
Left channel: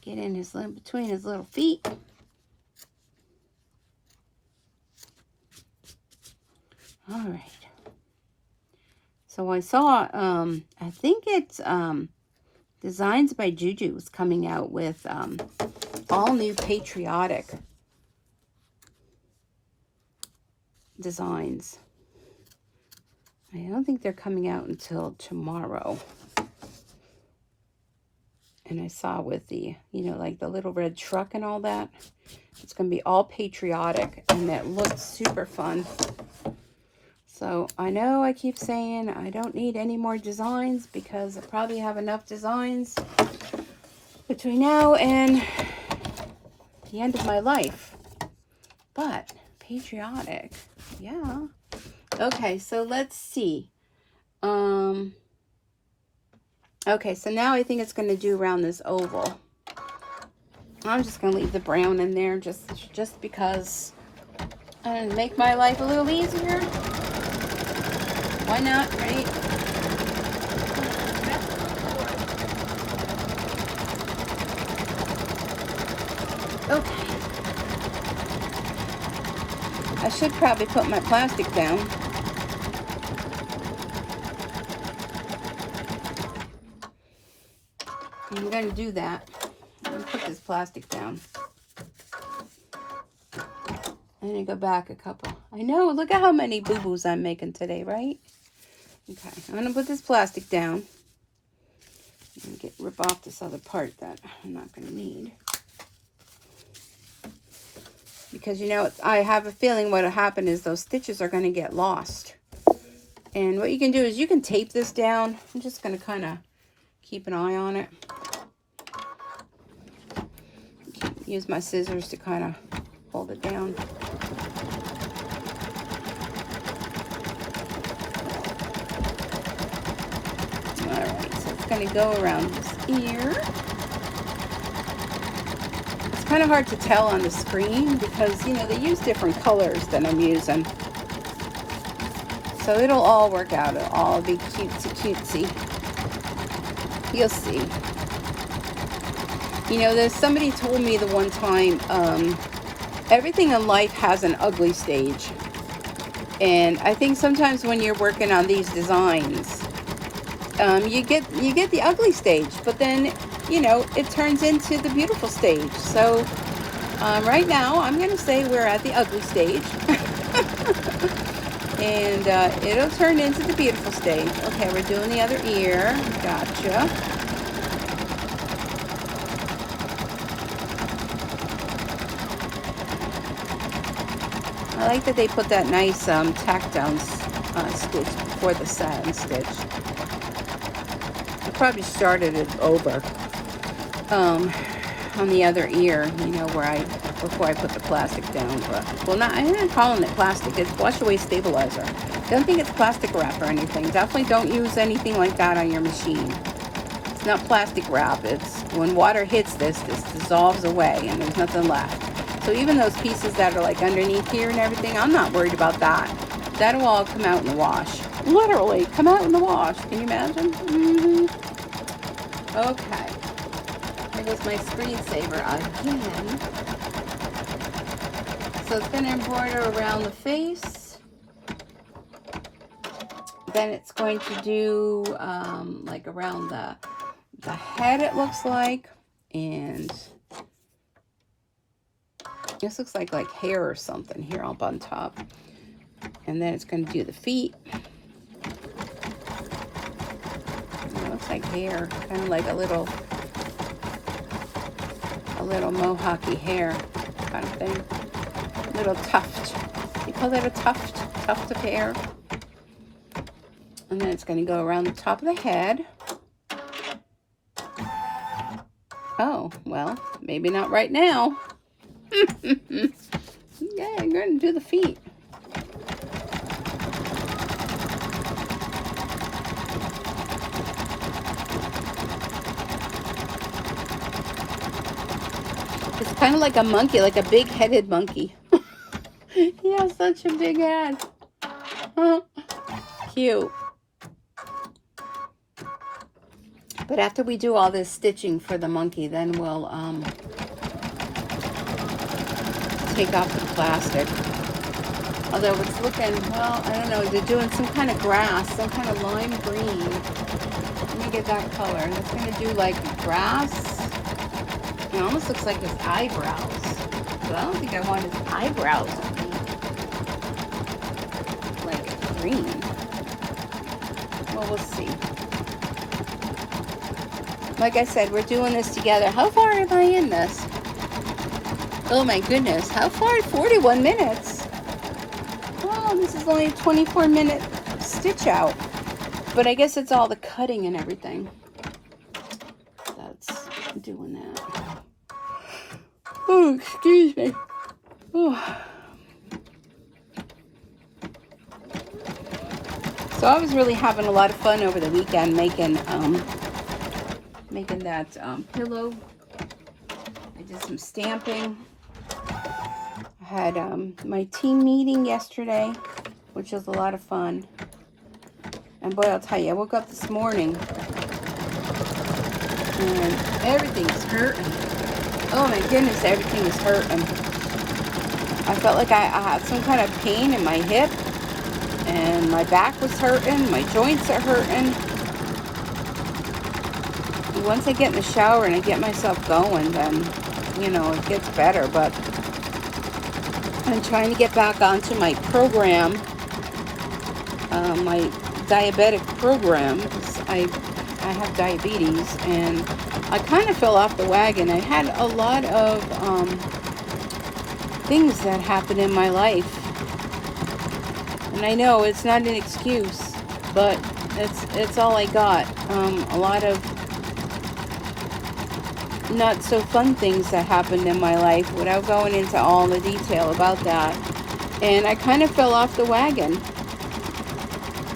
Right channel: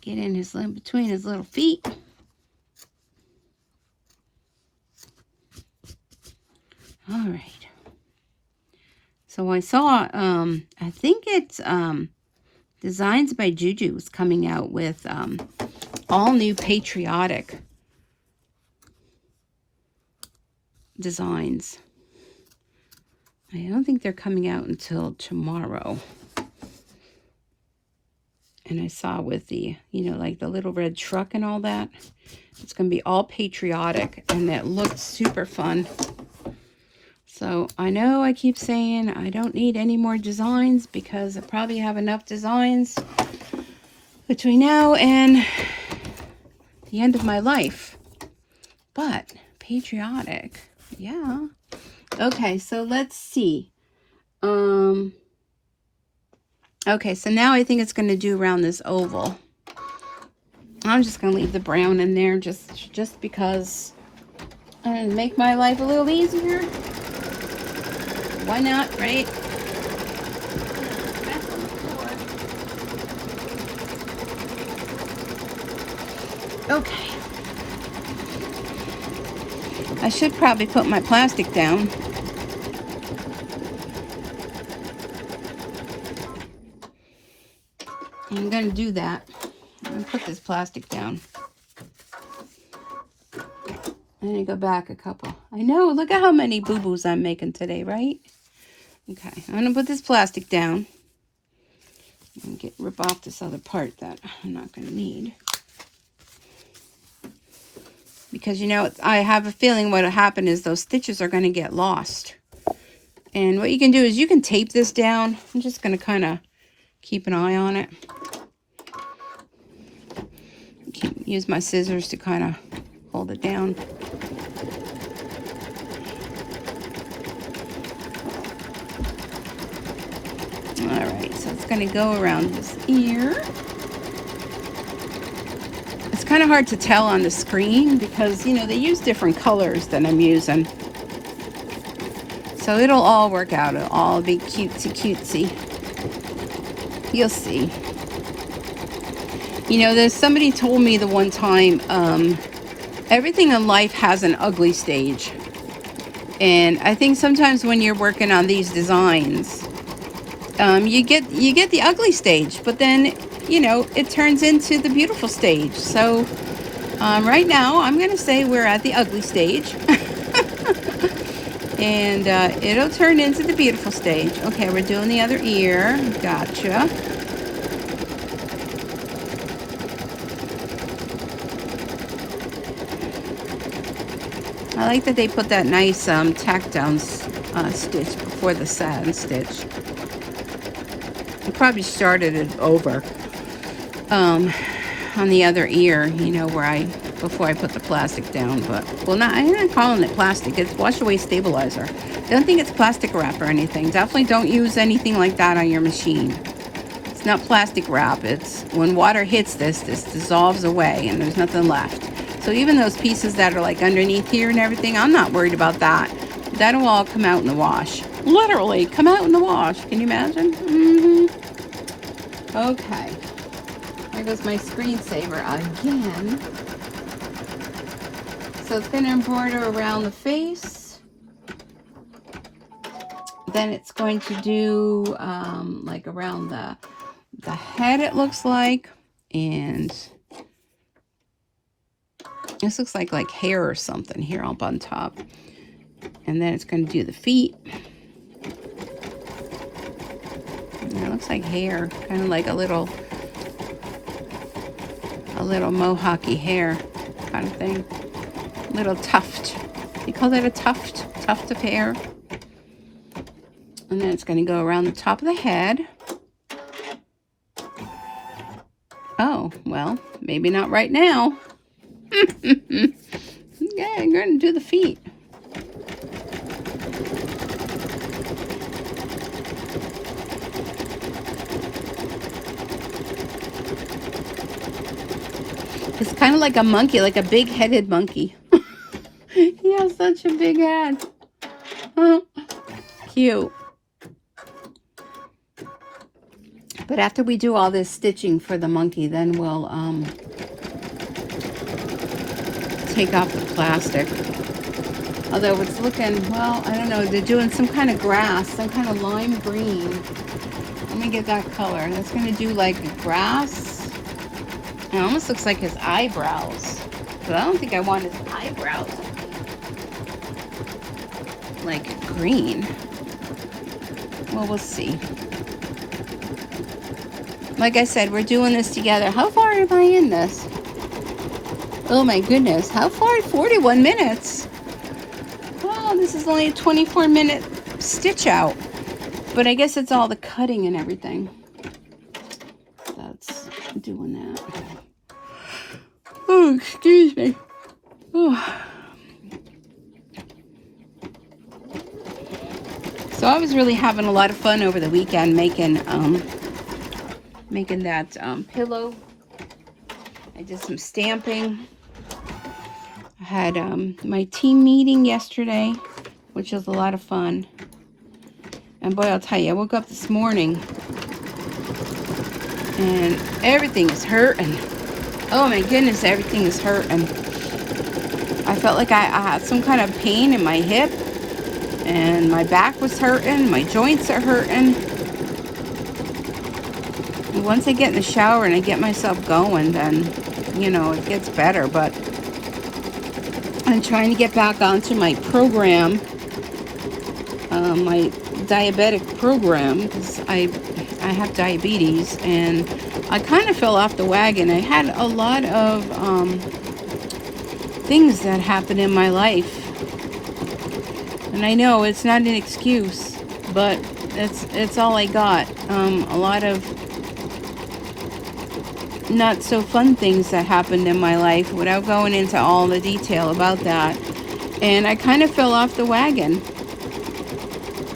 Get in his between his little feet. All right. So I saw, I think it's Designs by Juju was coming out with all new patriotic designs. I don't think they're coming out until tomorrow. And I saw with the, you know, like the little red truck and all that. It's going to be all patriotic, and it looks super fun. So I know I keep saying I don't need any more designs because I probably have enough designs between now and the end of my life. But patriotic, yeah. Okay, so let's see. Okay, so now I think it's going to do around this oval. I'm just going to leave the brown in there just because and make my life a little easier. Why not, right? Okay. I should probably put my plastic down. I'm going to do that. I'm going to put this plastic down. Then you go back a couple. I know, look at how many boo-boos I'm making today, right? Okay, I'm going to put this plastic down. And rip off this other part that I'm not going to need. Because, you know, I have a feeling what'll happen is those stitches are going to get lost. And what you can do is you can tape this down. I'm just going to kind of keep an eye on it. Use my scissors to kind of hold it down. Alright, so it's going to go around this ear. It's kind of hard to tell on the screen because, you know, they use different colors than I'm using. So it'll all work out. It'll all be cutesy cutesy. You'll see. You know, there's somebody told me the one time, everything in life has an ugly stage. And I think sometimes when you're working on these designs, you get the ugly stage, but then, you know, it turns into the beautiful stage. So right now, I'm going to say we're at the ugly stage. And it'll turn into the beautiful stage. Okay, we're doing the other ear. Gotcha. I like that they put that nice tack down stitch before the satin stitch. I probably started it over on the other ear, you know, where before I put the plastic down. But, well, I'm not calling it plastic. It's wash away stabilizer. I don't think it's plastic wrap or anything. Definitely don't use anything like that on your machine. It's not plastic wrap. It's when water hits this dissolves away and there's nothing left. So even those pieces that are like underneath here and everything, I'm not worried about that. That'll all come out in the wash. Literally, come out in the wash. Can you imagine? Okay. Here goes my screensaver again. So it's going to embroider around the face. Then it's going to do like around the head, it looks like. And this looks like hair or something here up on top. And then it's going to do the feet. It looks like hair, kind of like a little mohawky hair kind of thing. little tuft. You call that a tuft? Tuft of hair. And then it's going to go around the top of the head. Oh, well, maybe not right now. Yeah, I'm going to do the feet. It's kind of like a monkey, like a big-headed monkey. He has such a big head. Cute. But after we do all this stitching for the monkey, then we'll take off the plastic. Although it's looking, well, I don't know, they're doing some kind of grass, some kind of lime green. Let me get that color. And it's going to do like grass. It almost looks like his eyebrows. But I don't think I want his eyebrows like green. Well, we'll see. Like I said, we're doing this together. How far am I in this? Oh my goodness. How far? 41 minutes. Well, this is only a 24-minute stitch out. But I guess it's all the cutting and everything that's doing that. Oh, excuse me. Oh. So I was really having a lot of fun over the weekend making that pillow. I did some stamping. I had my team meeting yesterday, which was a lot of fun. And boy, I'll tell you, I woke up this morning and everything was hurting. Oh my goodness, everything is hurting. I felt like I had some kind of pain in my hip, and my back was hurting, my joints are hurting. And once I get in the shower and I get myself going, then, you know, it gets better. But I'm trying to get back onto my program, my diabetic program, because I have diabetes, and I kind of fell off the wagon. I had a lot of things that happened in my life, and I know it's not an excuse, but it's all I got. A lot of not so fun things that happened in my life, without going into all the detail about that, and I kind of fell off the wagon.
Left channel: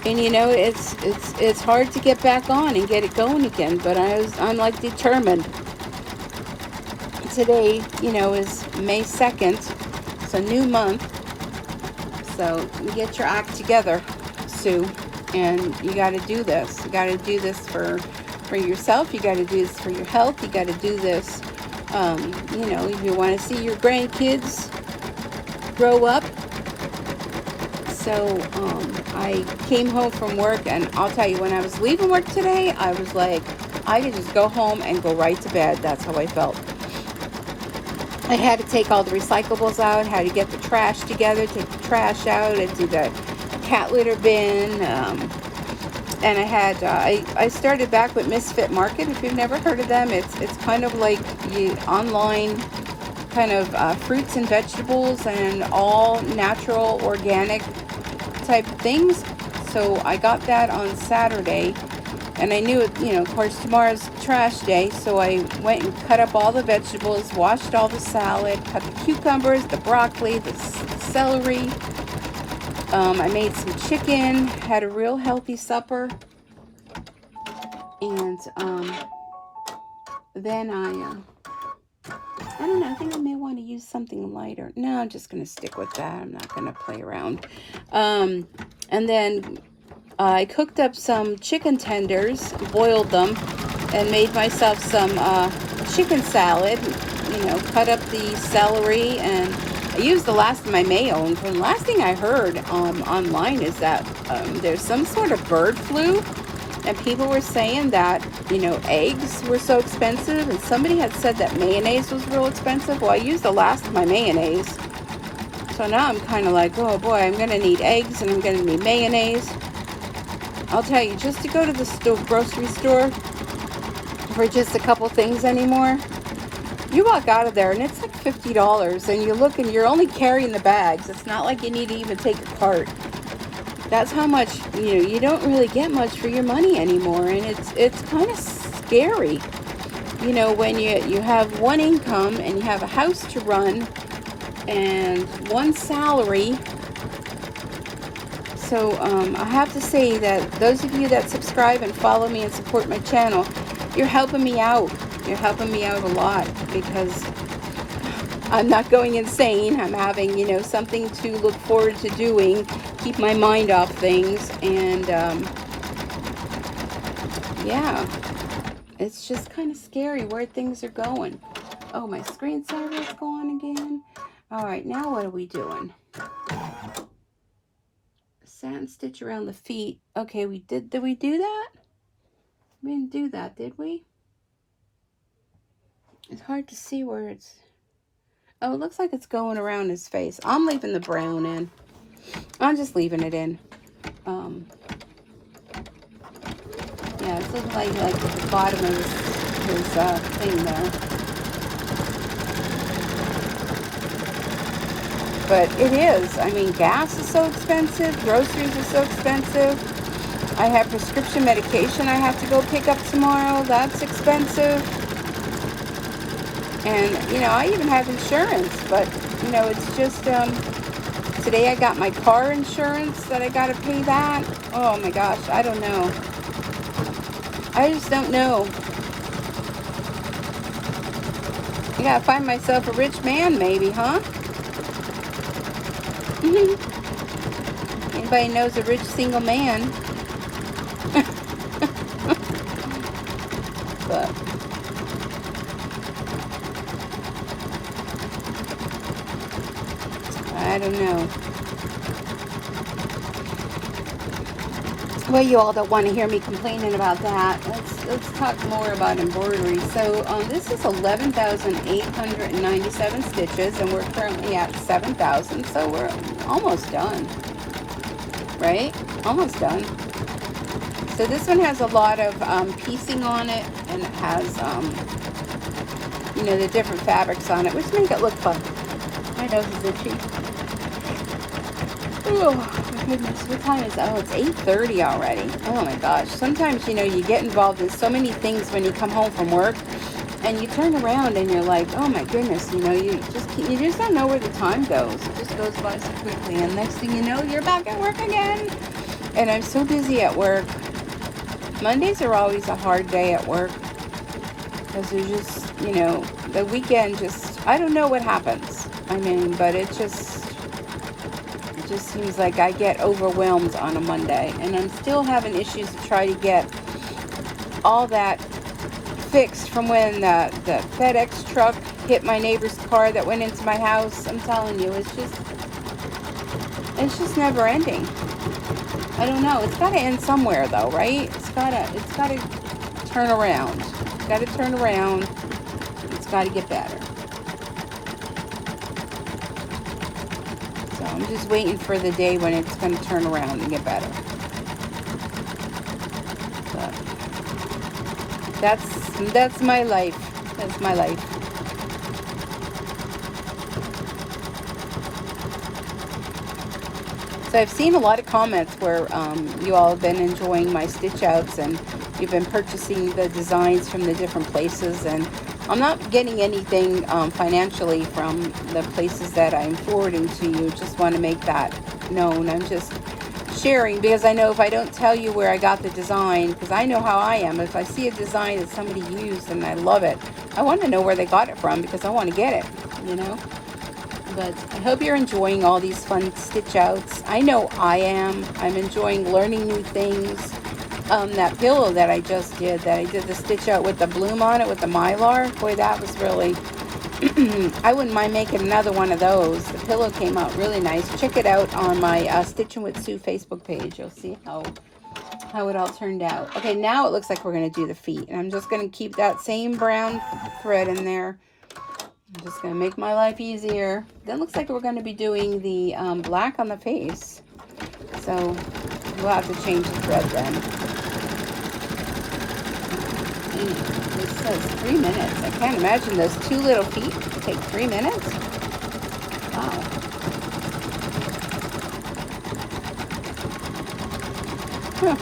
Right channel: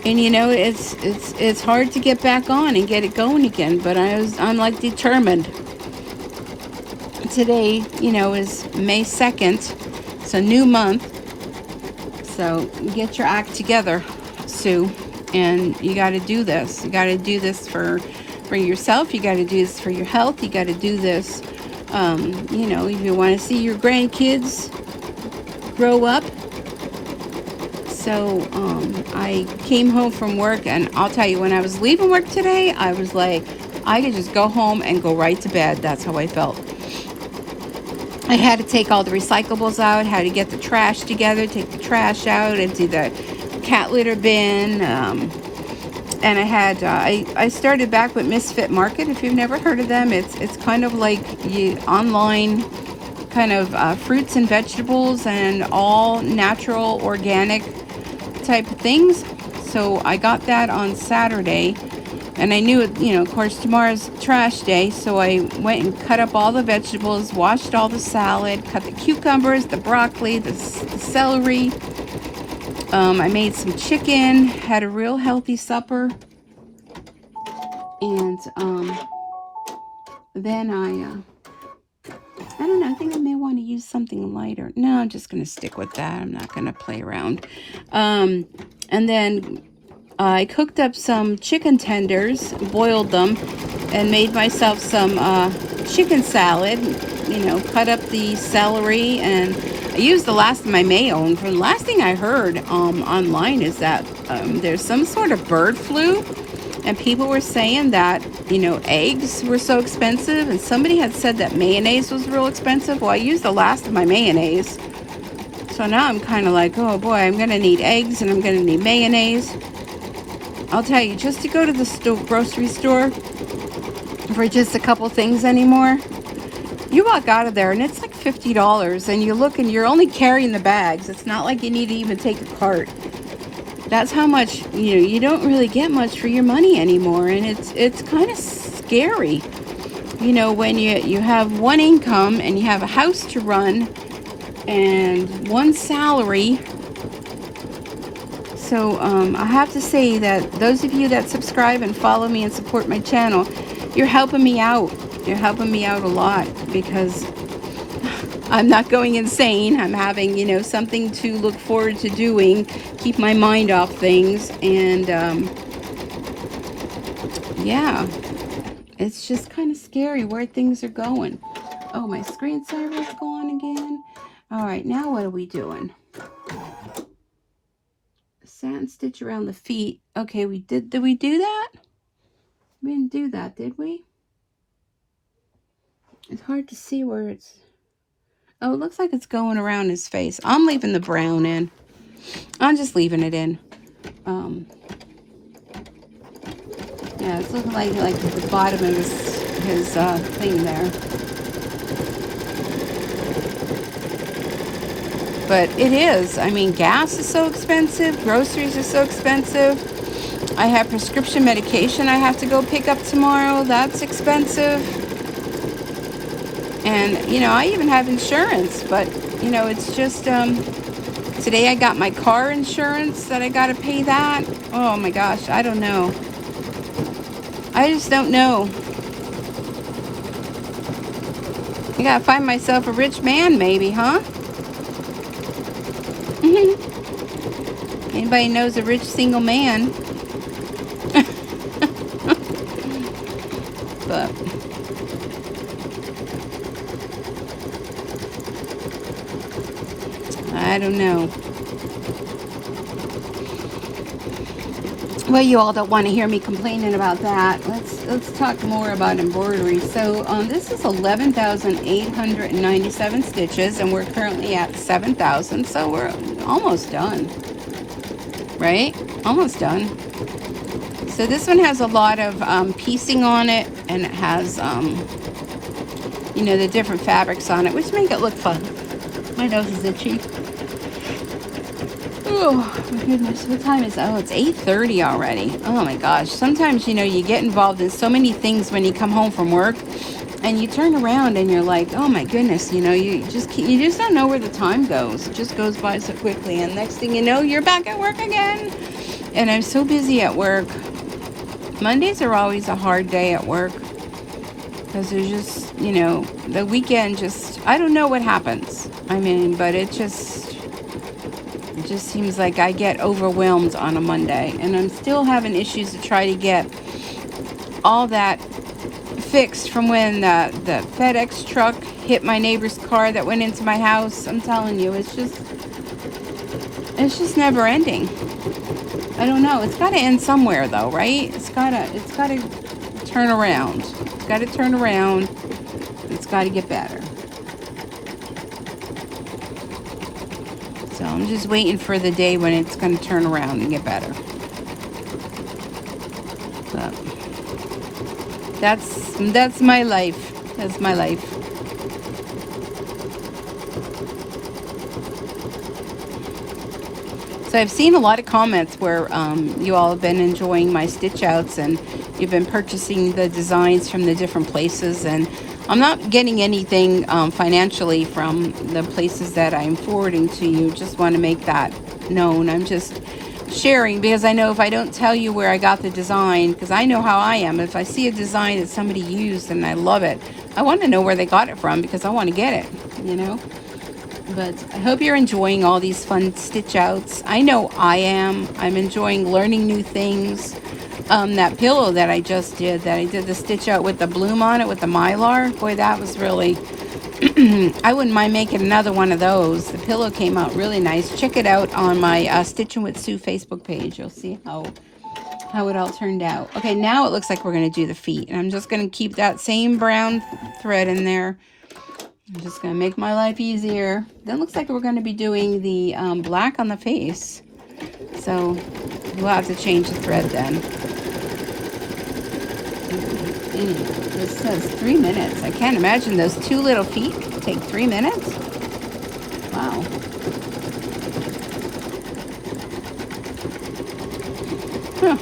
And you know, it's hard to get back on and get it going again, but I'm like determined. Today, you know, is May 2nd. It's a new month. So get your act together, Sue. And you got to do this. You got to do this for yourself. You got to do this for your health. You got to do this, you know, if you want to see your grandkids grow up. So I came home from work, and I'll tell you, when I was leaving work today, I was like, I could just go home and go right to bed. That's how I felt. I had to take all the recyclables out, had to get the trash together, take the trash out, empty the cat litter bin, and I started back with Misfit Market. If you've never heard of them, it's kind of like online kind of fruits and vegetables and all natural, organic type of things. So I got that on Saturday, and I knew, you know, of course tomorrow's trash day, so I went and cut up all the vegetables, washed all the salad, cut the cucumbers, the broccoli, the celery. I made some chicken, had a real healthy supper, and then I don't know, I think I may want to use something lighter. No, I'm just going to stick with that. I'm not going to play around. And then I cooked up some chicken tenders, boiled them, and made myself some chicken salad. You know, cut up the celery, and I used the last of my mayo. And the last thing I heard online is that there's some sort of bird flu. And people were saying that, you know, eggs were so expensive, and somebody had said that mayonnaise was real expensive. Well, I used the last of my mayonnaise. So now I'm kind of like, oh boy, I'm going to need eggs and I'm going to need mayonnaise. I'll tell you, just to go to the grocery store for just a couple things anymore, You walk out of there and it's like $50, and you look and you're only carrying the bags. It's not like you need to even take a cart. That's how much, you know, you don't really get much for your money anymore, and it's kind of scary. You know, when you have one income and you have a house to run and one salary. So I have to say that those of you that subscribe and follow me and support my channel, you're helping me out. You're helping me out a lot, because I'm not going insane. I'm having, you know, something to look forward to doing, keep my mind off things, and yeah, it's just kind of scary where things are going. Oh, my screensaver's gone again. All right, now what are we doing? Satin stitch around the feet. Okay, did we do that? We didn't do that, did we? It's hard to see where it's... Oh, it looks like it's going around his face. I'm leaving the brown in. I'm just leaving it in. Yeah, it's looking like the bottom of his thing there. But it is. I mean, gas is so expensive. Groceries are so expensive. I have prescription medication I have to go pick up tomorrow. That's expensive. And, you know, I even have insurance. But, you know, it's just, today I got my car insurance that I got to pay that. Oh, my gosh. I don't know. I just don't know. I got to find myself a rich man, maybe, huh? Anybody knows a rich single man? But I don't know. Well, you all don't want to hear me complaining about that. Let's talk more about embroidery. So this is 11,897 stitches, and we're currently at 7,000, so we're almost done. Right? Almost done. So this one has a lot of piecing on it, and it has, you know, the different fabrics on it, which make it look fun. My nose is itchy. Oh, my goodness, what time is it? Oh, it's 8:30 already. Oh my gosh. Sometimes, you know, you get involved in so many things when you come home from work, and you turn around and you're like, oh my goodness, you know, you just don't know where the time goes. It just goes by so quickly, and next thing you know, you're back at work again. And I'm so busy at work. Mondays are always a hard day at work, because there's just, you know, the weekend just, I don't know what happens. I mean, but it just seems like I get overwhelmed on a Monday, and I'm still having issues to try to get all that fixed from when the FedEx truck hit my neighbor's car that went into my house. I'm telling you, it's just never ending. I don't know. It's got to end somewhere, though, right? It's got to turn around. It's got to turn around. It's got to get better. So I'm just waiting for the day when it's going to turn around and get better. That's my life. That's my life. So I've seen a lot of comments where you all have been enjoying my stitch outs, and you've been purchasing the designs from the different places, and I'm not getting anything financially from the places that I'm forwarding to you. Just want to make that known. I'm just sharing, because I know if I don't tell you where I got the design, because I know how I am, if I see a design that somebody used and I love it, I want to know where they got it from, because I want to get it, you know. But I hope you're enjoying all these fun stitch outs. I know I am. I'm enjoying learning new things. That pillow that I just did, that I did the stitch out with the bloom on it with the mylar, boy, that was really I wouldn't mind making another one of those. The pillow came out really nice. Check it out on my Stitchin' with Sue Facebook page. You'll see how it all turned out. Okay, now it looks like we're going to do the feet, and I'm just going to keep that same brown thread in there. I'm just going to make my life easier. Then it looks like we're going to be doing the black on the face. So we'll have to change the thread then. This is 3 minutes. I can't can't imagine those two little feet take 3 minutes. Wow. Huh.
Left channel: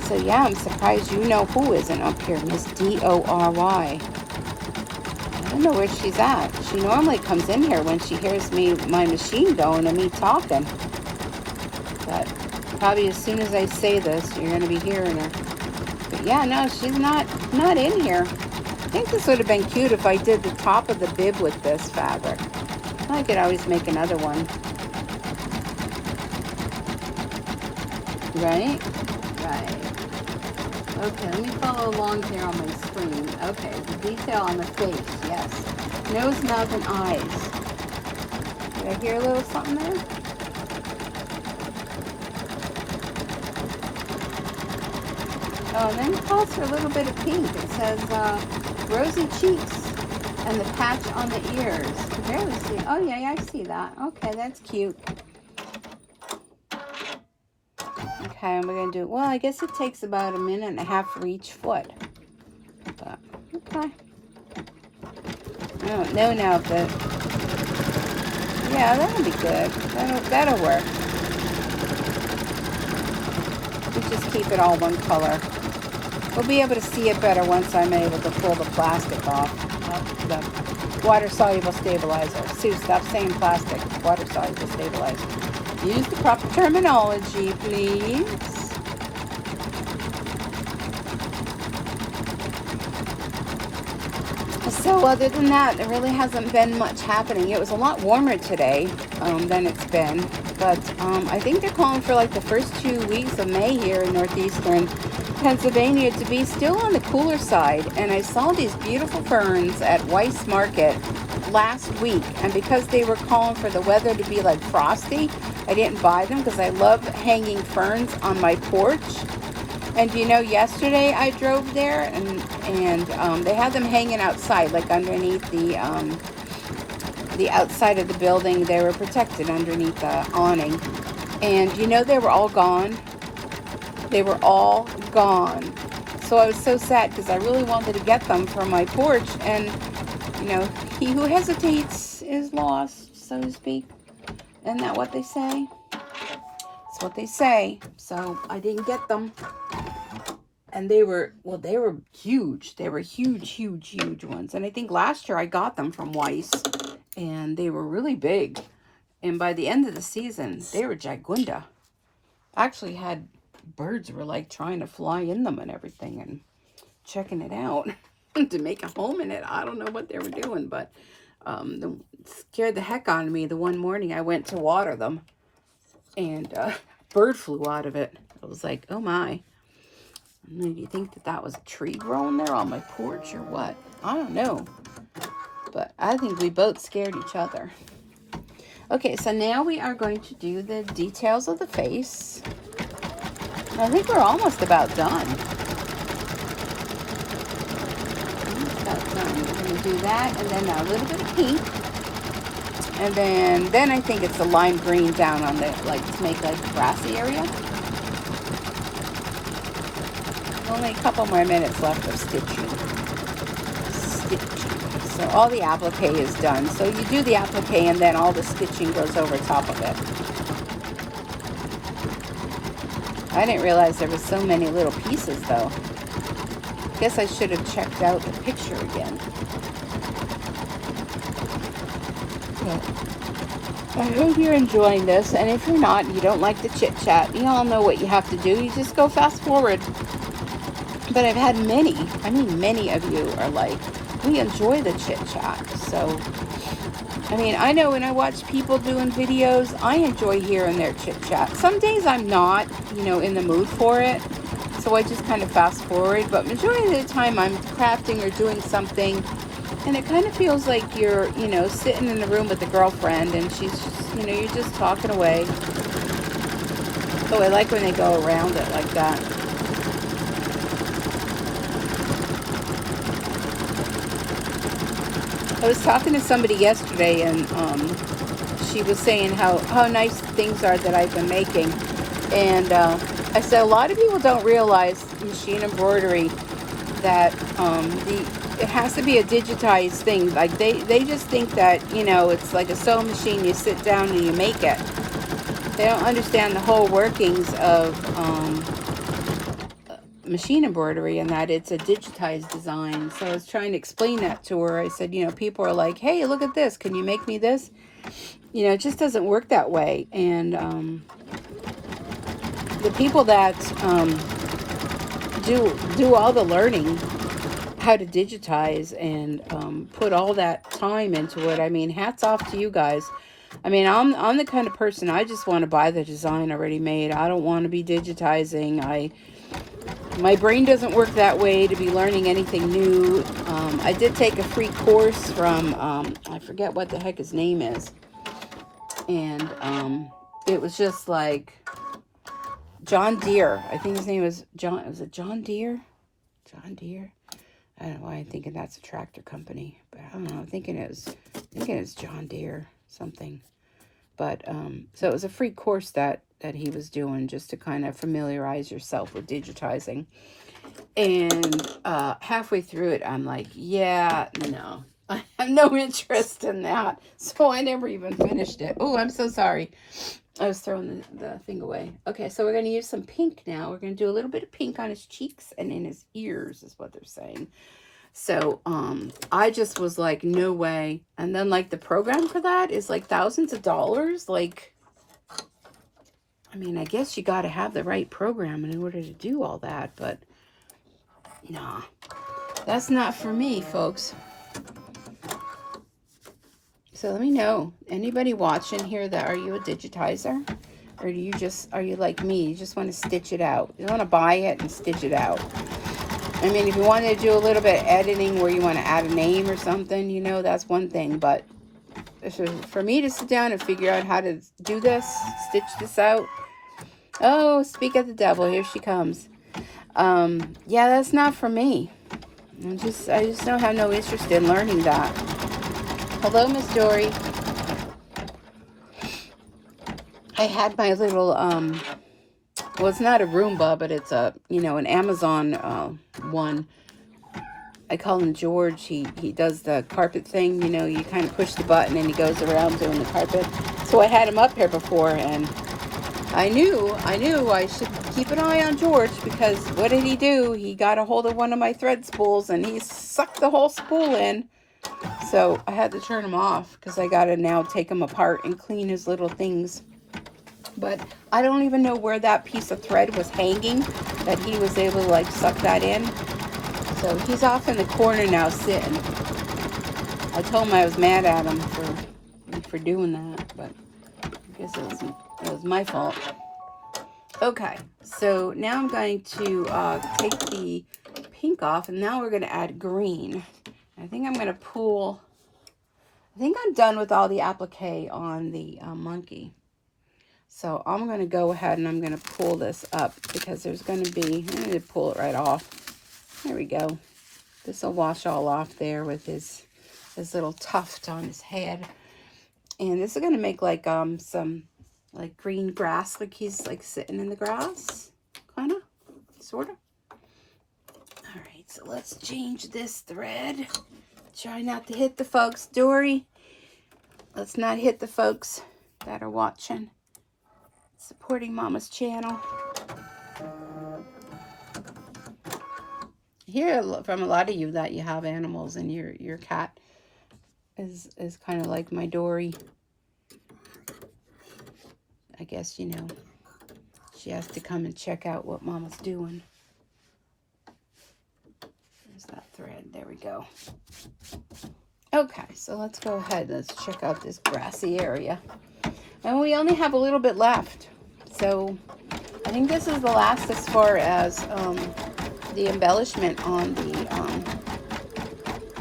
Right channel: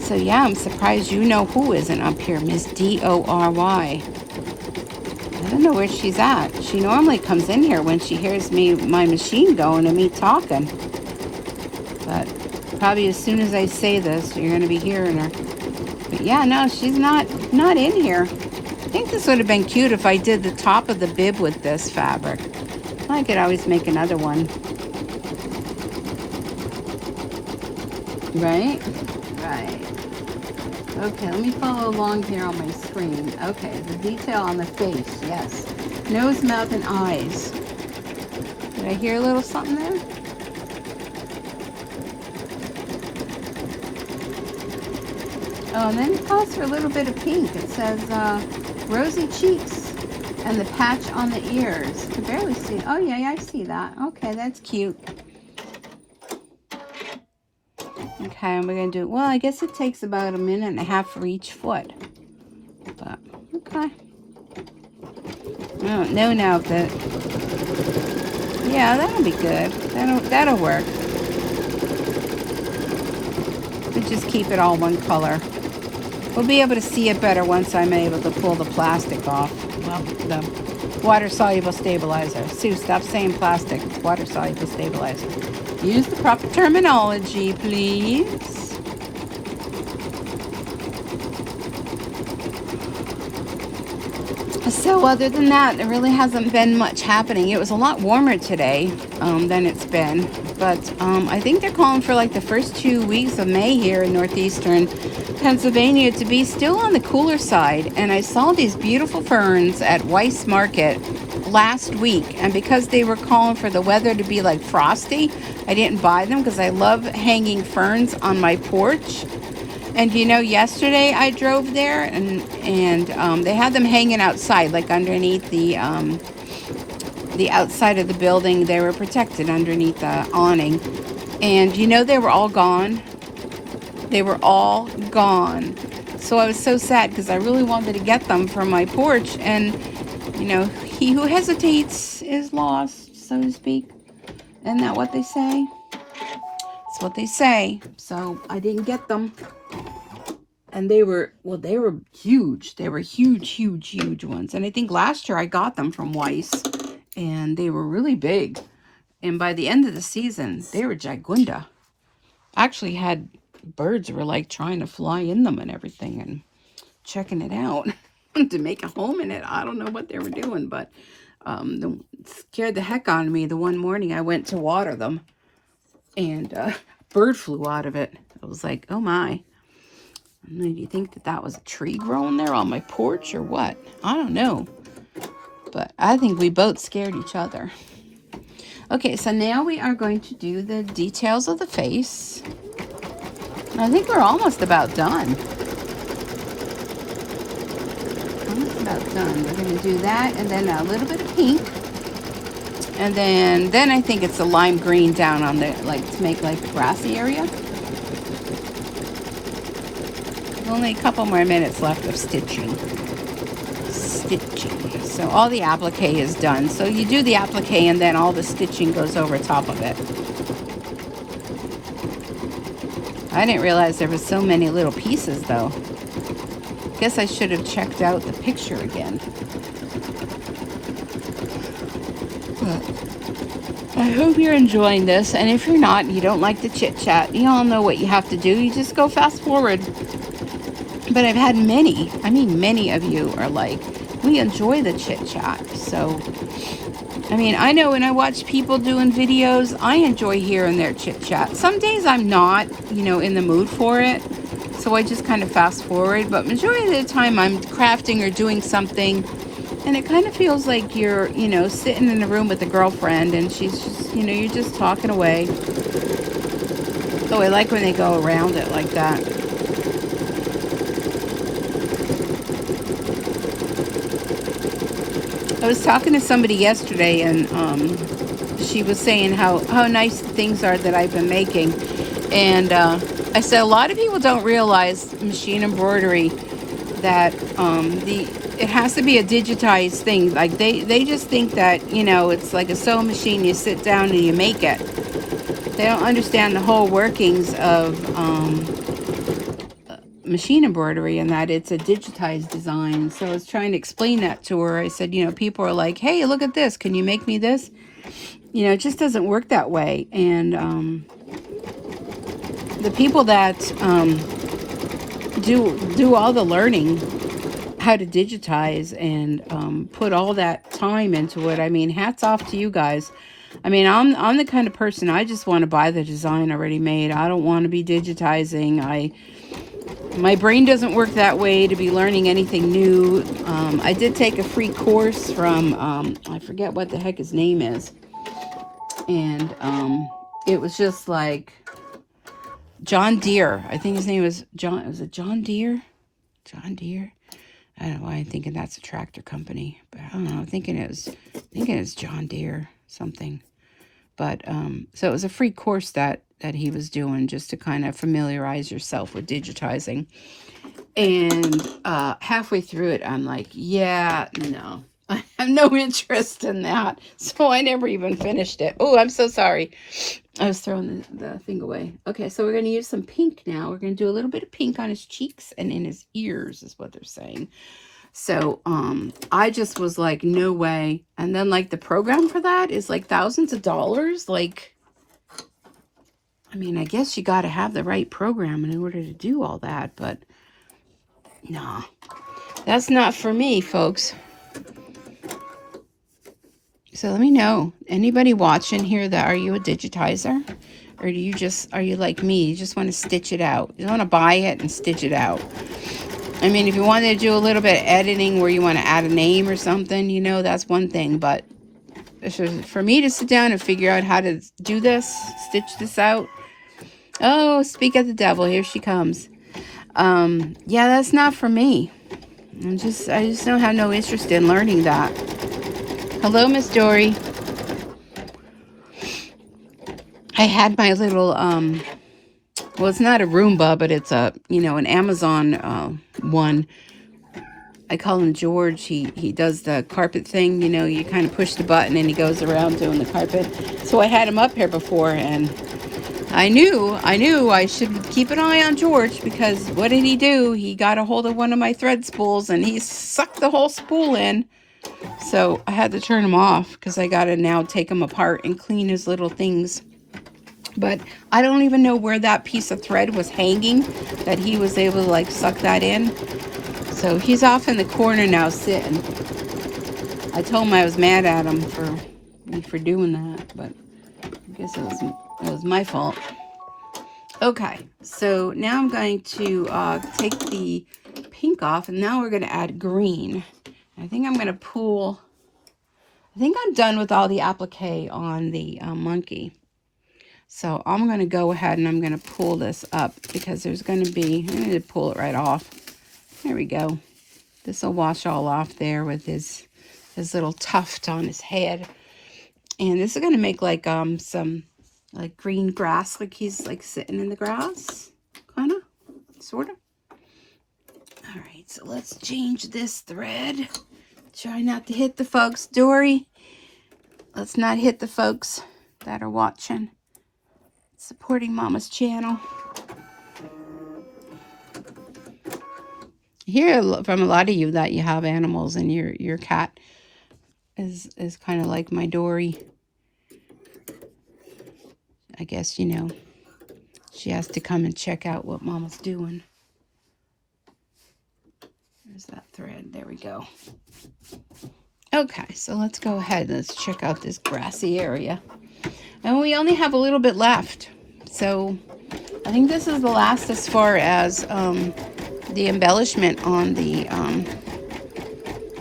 So yeah, I'm surprised you know who isn't up here, Miss D-O-R-Y. I don't know where she's at. She normally comes in here when she hears my machine going and me talking. But probably as soon as I say this, you're going to be hearing her. But yeah, no, she's not in here. I think this would have been cute if I did the top of the bib with this fabric. I could always make another one. Right? Right. Okay, let me follow along here on my screen. Okay, the detail on the face, yes. Nose, mouth, and eyes. Did I hear a little something there? Oh, and then it calls for a little bit of pink. It says rosy cheeks and the patch on the ears. I barely see. Oh, yeah, I see that. Okay, that's cute. Okay, and we're going to do, well, I guess it takes about 1.5 minutes for each foot. But, okay. I don't know now if that, yeah, that'll be good. That'll work. We just keep it all one color. We'll be able to see it better once I'm able to pull the plastic off. The water-soluble stabilizer. Sue, stop saying plastic. Water-soluble stabilizer. Use the proper terminology, please. So other than that, there really hasn't been much happening. It was a lot warmer today than it's been. But I think they're calling for like the first 2 weeks of May here in northeastern Pennsylvania to be still on the cooler side. And I saw these beautiful ferns at Weiss Market last week. And because they were calling for the weather to be like frosty, I didn't buy them because I love hanging ferns on my porch. And you know, yesterday I drove there and they had them hanging outside, like underneath the outside of the building. They were protected underneath the awning. And you know, they were all gone. They were all gone. So I was so sad because I really wanted to get them from my porch. And, you know, he who hesitates is lost, so to speak. Isn't that what they say? That's what they say. So I didn't get them. And they were, well, they were huge. They were huge, huge, huge ones. And I think last year I got them from Weiss. And they were really big. And by the end of the season, they were gigunda. Actually had birds were like trying to fly in them and everything. And checking it out to make a home in it. I don't know what they were doing. But it scared the heck out of me the one morning I went to water them. And a bird flew out of it. I was like, oh my. Do you think that that was a tree growing there on my porch or what? I don't know. But I think we both scared each other. Okay, so now we are going to do the details of the face. I think we're almost about done. We're going to do that and then a little bit of pink. And then I think it's a lime green down on the, like, to make like a grassy area. Only a couple more minutes left of stitching. So all the applique is done. So you do the applique and then all the stitching goes over top of it. I didn't realize there were so many little pieces though. Guess I should have checked out the picture again. I hope you're enjoying this, and if you're not, you don't like the chit chat, you all know what you have to do. You just go fast forward. But I've had many, I mean many of you are like, we enjoy the chit chat. So, I mean, I know when I watch people doing videos, I enjoy hearing their chit chat. Some days I'm not, you know, in the mood for it. So I just kind of fast forward. But majority of the time I'm crafting or doing something. And it kind of feels like you're, you know, sitting in a room with a girlfriend and she's just, you know, you're just talking away. Oh, I like when they go around it like that. I was talking to somebody yesterday and she was saying how nice things are that I've been making. And I said a lot of people don't realize machine embroidery, that it has to be a digitized thing. Like they just think that, you know, it's like a sewing machine, you sit down and you make it. They don't understand the whole workings of machine embroidery, and that it's a digitized design. So I was trying to explain that to her. I said, you know, people are like, hey, look at this, can you make me this? You know, it just doesn't work that way. And the people that do all the learning how to digitize and put all that time into it, I mean, hats off to you guys. I mean, I'm the kind of person, I just want to buy the design already made. I don't want to be digitizing. My brain doesn't work that way to be learning anything new. I did take a free course from, I forget what the heck his name is. And it was just like John Deere. I think his name was John. Was it John Deere? John Deere? I don't know why I'm thinking that's a tractor company. But I don't know. I'm thinking it's John Deere something. But so it was a free course that he was doing just to kind of familiarize yourself with digitizing. And halfway through it, I'm like, yeah, no, I have no interest in that. So I never even finished it. Oh, I'm so sorry. I was throwing the thing away. Okay, so we're going to use some pink now. We're going to do a little bit of pink on his cheeks and in his ears is what they're saying. So I just was like, no way. And then like the program for that is like thousands of dollars. Like, I mean, I guess you got to have the right program in order to do all that, but no, that's not for me, folks. So let me know, anybody watching here, that are you a digitizer? Or do you just, are you like me? You just want to stitch it out. You don't want to buy it and stitch it out. I mean, if you wanted to do a little bit of editing where you want to add a name or something, you know, that's one thing. But for me to sit down and figure out how to do this, stitch this out. Oh, speak of the devil, here she comes. Yeah, that's not for me. I just don't have no interest in learning that. Hello, Miss Dory. I had my little, well, it's not a Roomba, but it's a, you know, an Amazon one. I call him George. He does the carpet thing, you know, you kind of push the button and he goes around doing the carpet. So I had him up here before, and I knew I should keep an eye on George, because what did he do? He got a hold of one of my thread spools and he sucked the whole spool in. So I had to turn him off because I got to now take him apart and clean his little things. But I don't even know where that piece of thread was hanging that he was able to like suck that in. So he's off in the corner now sitting. I told him I was mad at him for doing that, but I guess it was my fault. Okay, so now I'm going to take the pink off, and now we're going to add green. I think I'm going to pull, I think I'm done with all the applique on the monkey. So I'm going to go ahead and I'm going to pull this up, because there's going to be, I need to pull it right off. There we go. This will wash all off there with his little tuft on his head. And this is going to make like some like green grass, like he's like sitting in the grass, kind of, sort of. All right, so let's change this thread. Try not to hit the folks. Dory, let's not hit the folks that are watching, supporting Mama's channel. I hear from a lot of you that you have animals, and your cat is kind of like my Dory. I guess, you know, she has to come and check out what Mama's doing. There's that thread. There we go. Okay, so let's go ahead and let's check out this grassy area. And we only have a little bit left. So I think this is the last as far as the embellishment on the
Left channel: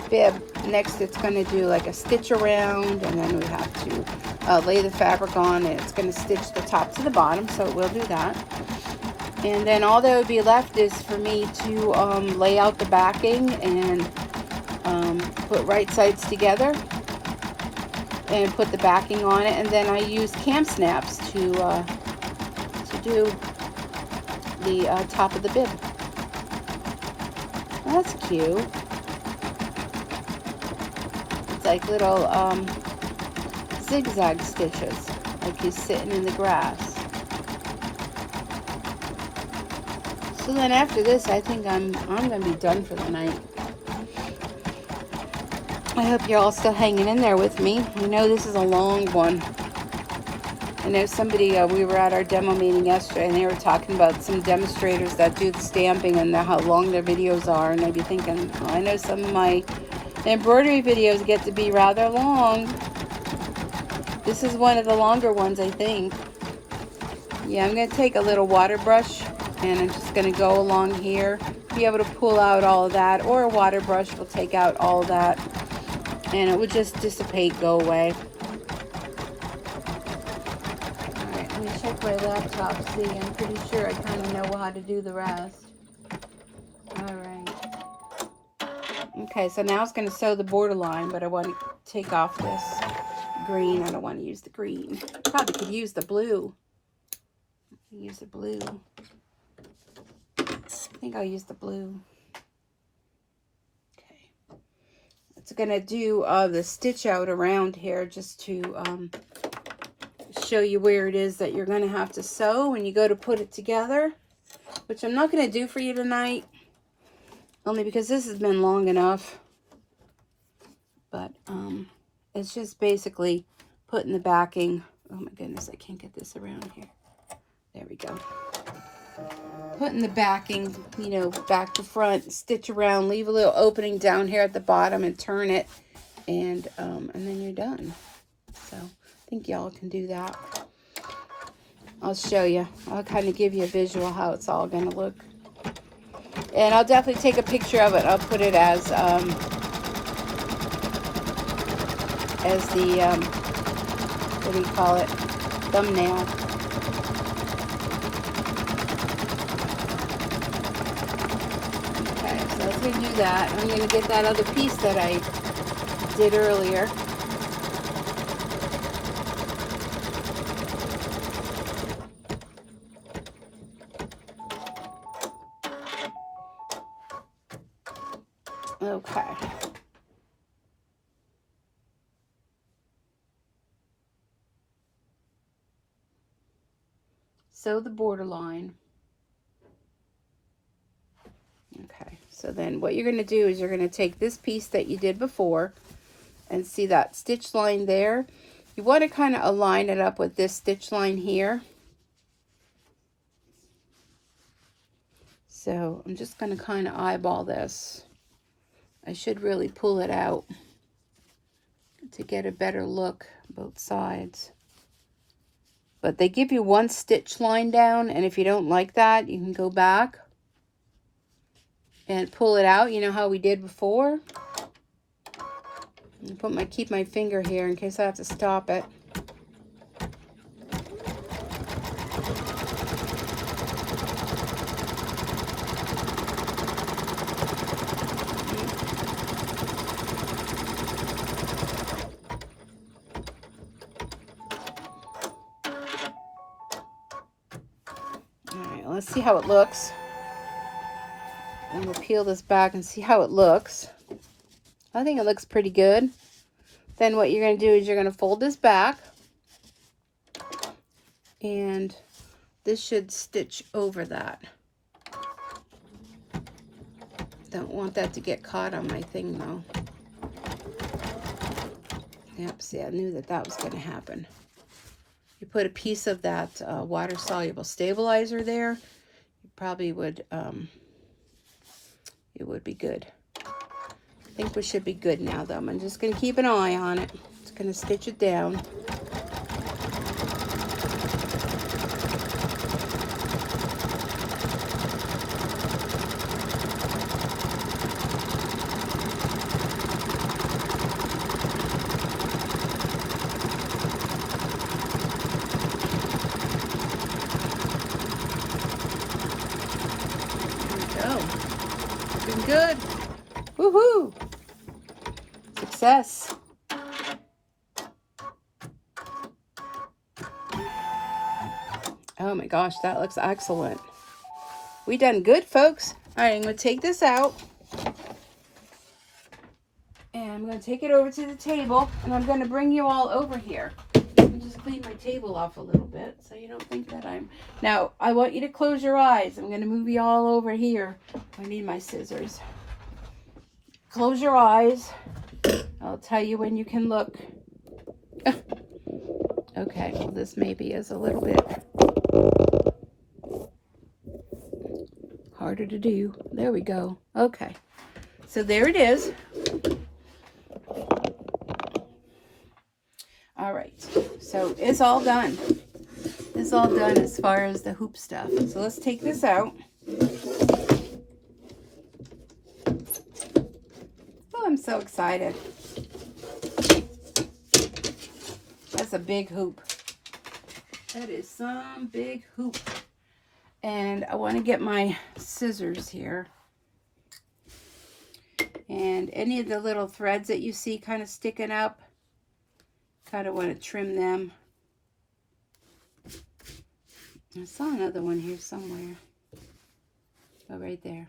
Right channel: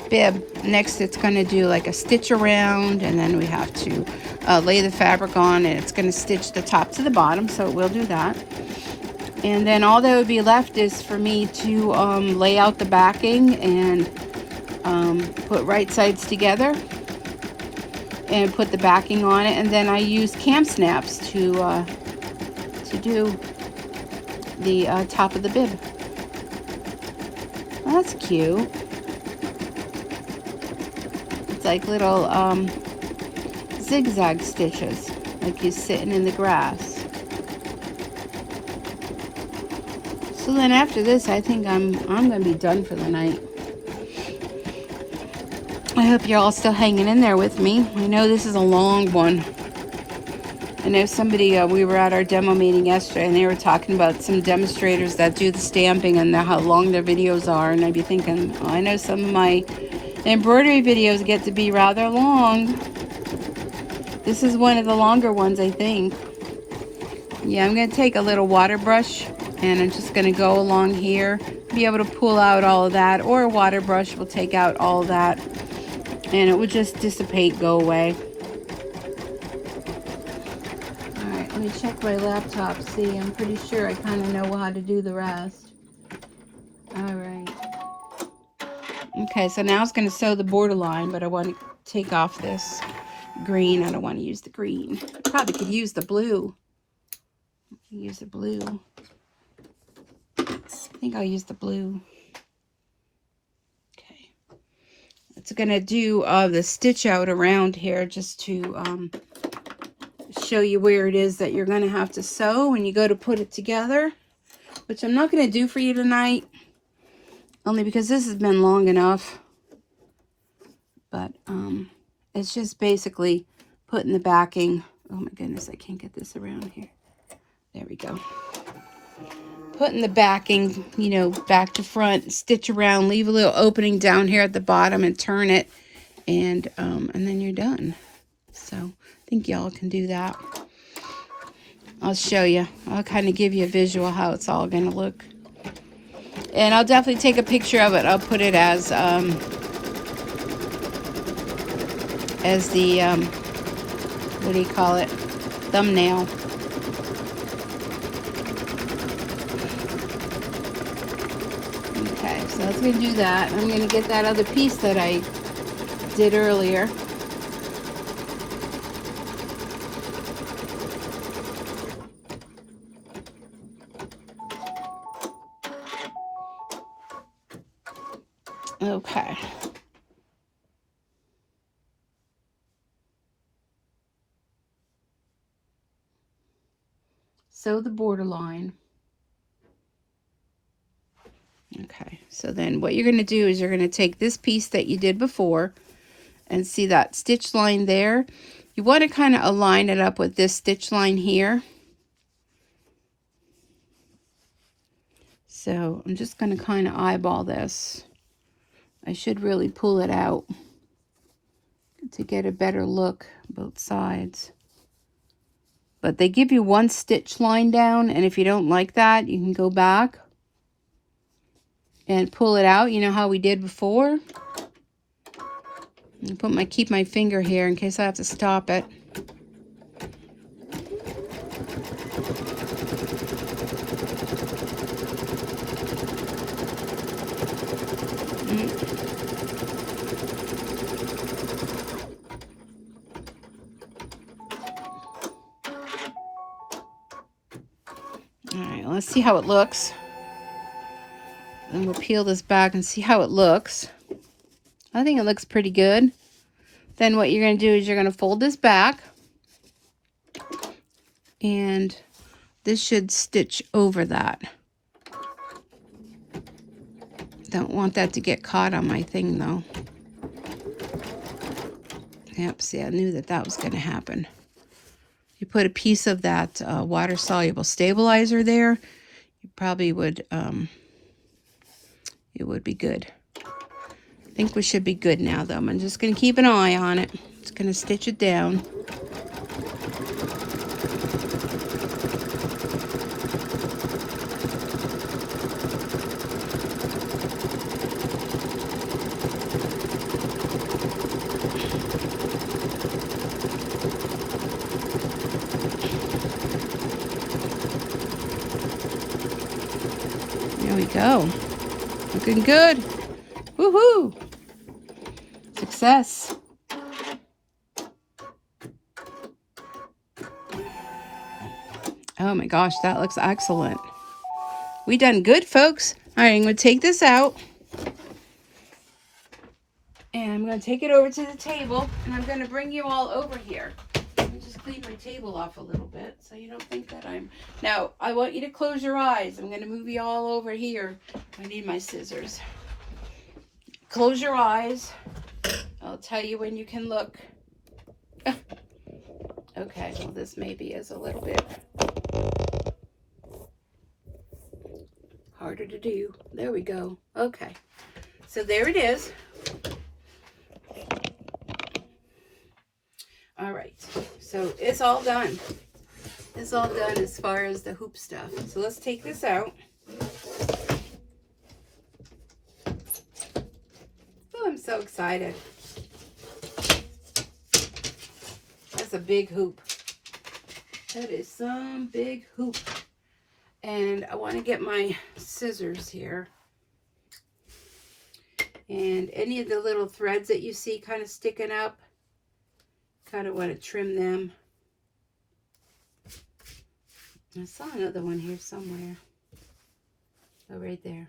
bib. Next, it's going to do like a stitch around, and then we have to lay the fabric on, and it's going to stitch the top to the bottom, so we'll do that. And then all that would be left is for me to lay out the backing and put right sides together and put the backing on it, and then I use cam snaps to do the top of the bib. Well, that's cute. It's like little zigzag stitches, like you're sitting in the grass. So then after this, I think I'm gonna be done for the night. I hope you're all still hanging in there with me. I know this is a long one. I know somebody, we were at our demo meeting yesterday, and they were talking about some demonstrators that do the stamping and how long their videos are, and I'd be thinking, well, I know some of my embroidery videos get to be rather long. This is one of the longer ones, I think. Yeah, I'm going to take a little water brush, and I'm just going to go along here, be able to pull out all of that, or a water brush will take out all of that, and it will just dissipate, go away. Alright, let me check my laptop, see, I'm pretty sure I kind of know how to do the rest. Alright. Okay, so now I was going to sew the borderline, but I want to take off this green. I don't want to use the green. Probably could use the blue. Use the blue. I think I'll use the blue. Okay. It's going to do the stitch out around here just to show you where it is that you're going to have to sew when you go to put it together, which I'm not going to do for you tonight, only because this has been long enough. But it's just basically putting the backing. Oh my goodness, I can't get this around here. There we go. Putting the backing, you know, back to front, stitch around, leave a little opening down here at the bottom and turn it, and then you're done. So I think y'all can do that. I'll show you. I'll kind of give you a visual how it's all going to look. And I'll definitely take a picture of it. I'll put it as the, what do you call it, thumbnail. Okay, so let's going to do that. I'm going to get that other piece that I did earlier. Okay. Sew the borderline. Okay, so then what you're going to do is you're going to take this piece that you did before and see that stitch line there. You want to kind of align it up with this stitch line here. So I'm just going to kind of eyeball this. I should really pull it out to get a better look both sides. But they give you one stitch line down, and if you don't like that, you can go back and pull it out. You know how we did before? And keep my finger here in case I have to stop it. Let's see how it looks. And we'll peel this back and see how it looks. I think it looks pretty good. Then what you're going to do is you're going to fold this back. And this should stitch over that. Don't want that to get caught on my thing though. Yep, see, I knew that that was going to happen. You put a piece of that water-soluble stabilizer there, you probably would, it would be good. I think we should be good now, though. I'm just going to keep an eye on it. Just going to stitch it down. Go. Looking good. Woohoo! Success. Oh my gosh, that looks excellent. We done good, folks. All right, I'm going to take this out. And I'm going to take it over to the table. And I'm going to bring you all over here. Let me just clean my table off a little bit so you don't think that I'm... Now, I want you to close your eyes. I'm going to move you all over here. I need my scissors. Close your eyes. I'll tell you when you can look. Okay, well, this maybe is a little bit harder to do. There we go. Okay, so there it is. All right, so it's all done. It's all done as far as the hoop stuff. So let's take this out. Oh, I'm so excited. That's a big hoop. That is some big hoop. And I want to get my scissors here. And any of the little threads that you see kind of sticking up, kind of want to trim them. I saw another one here somewhere. Oh, right there.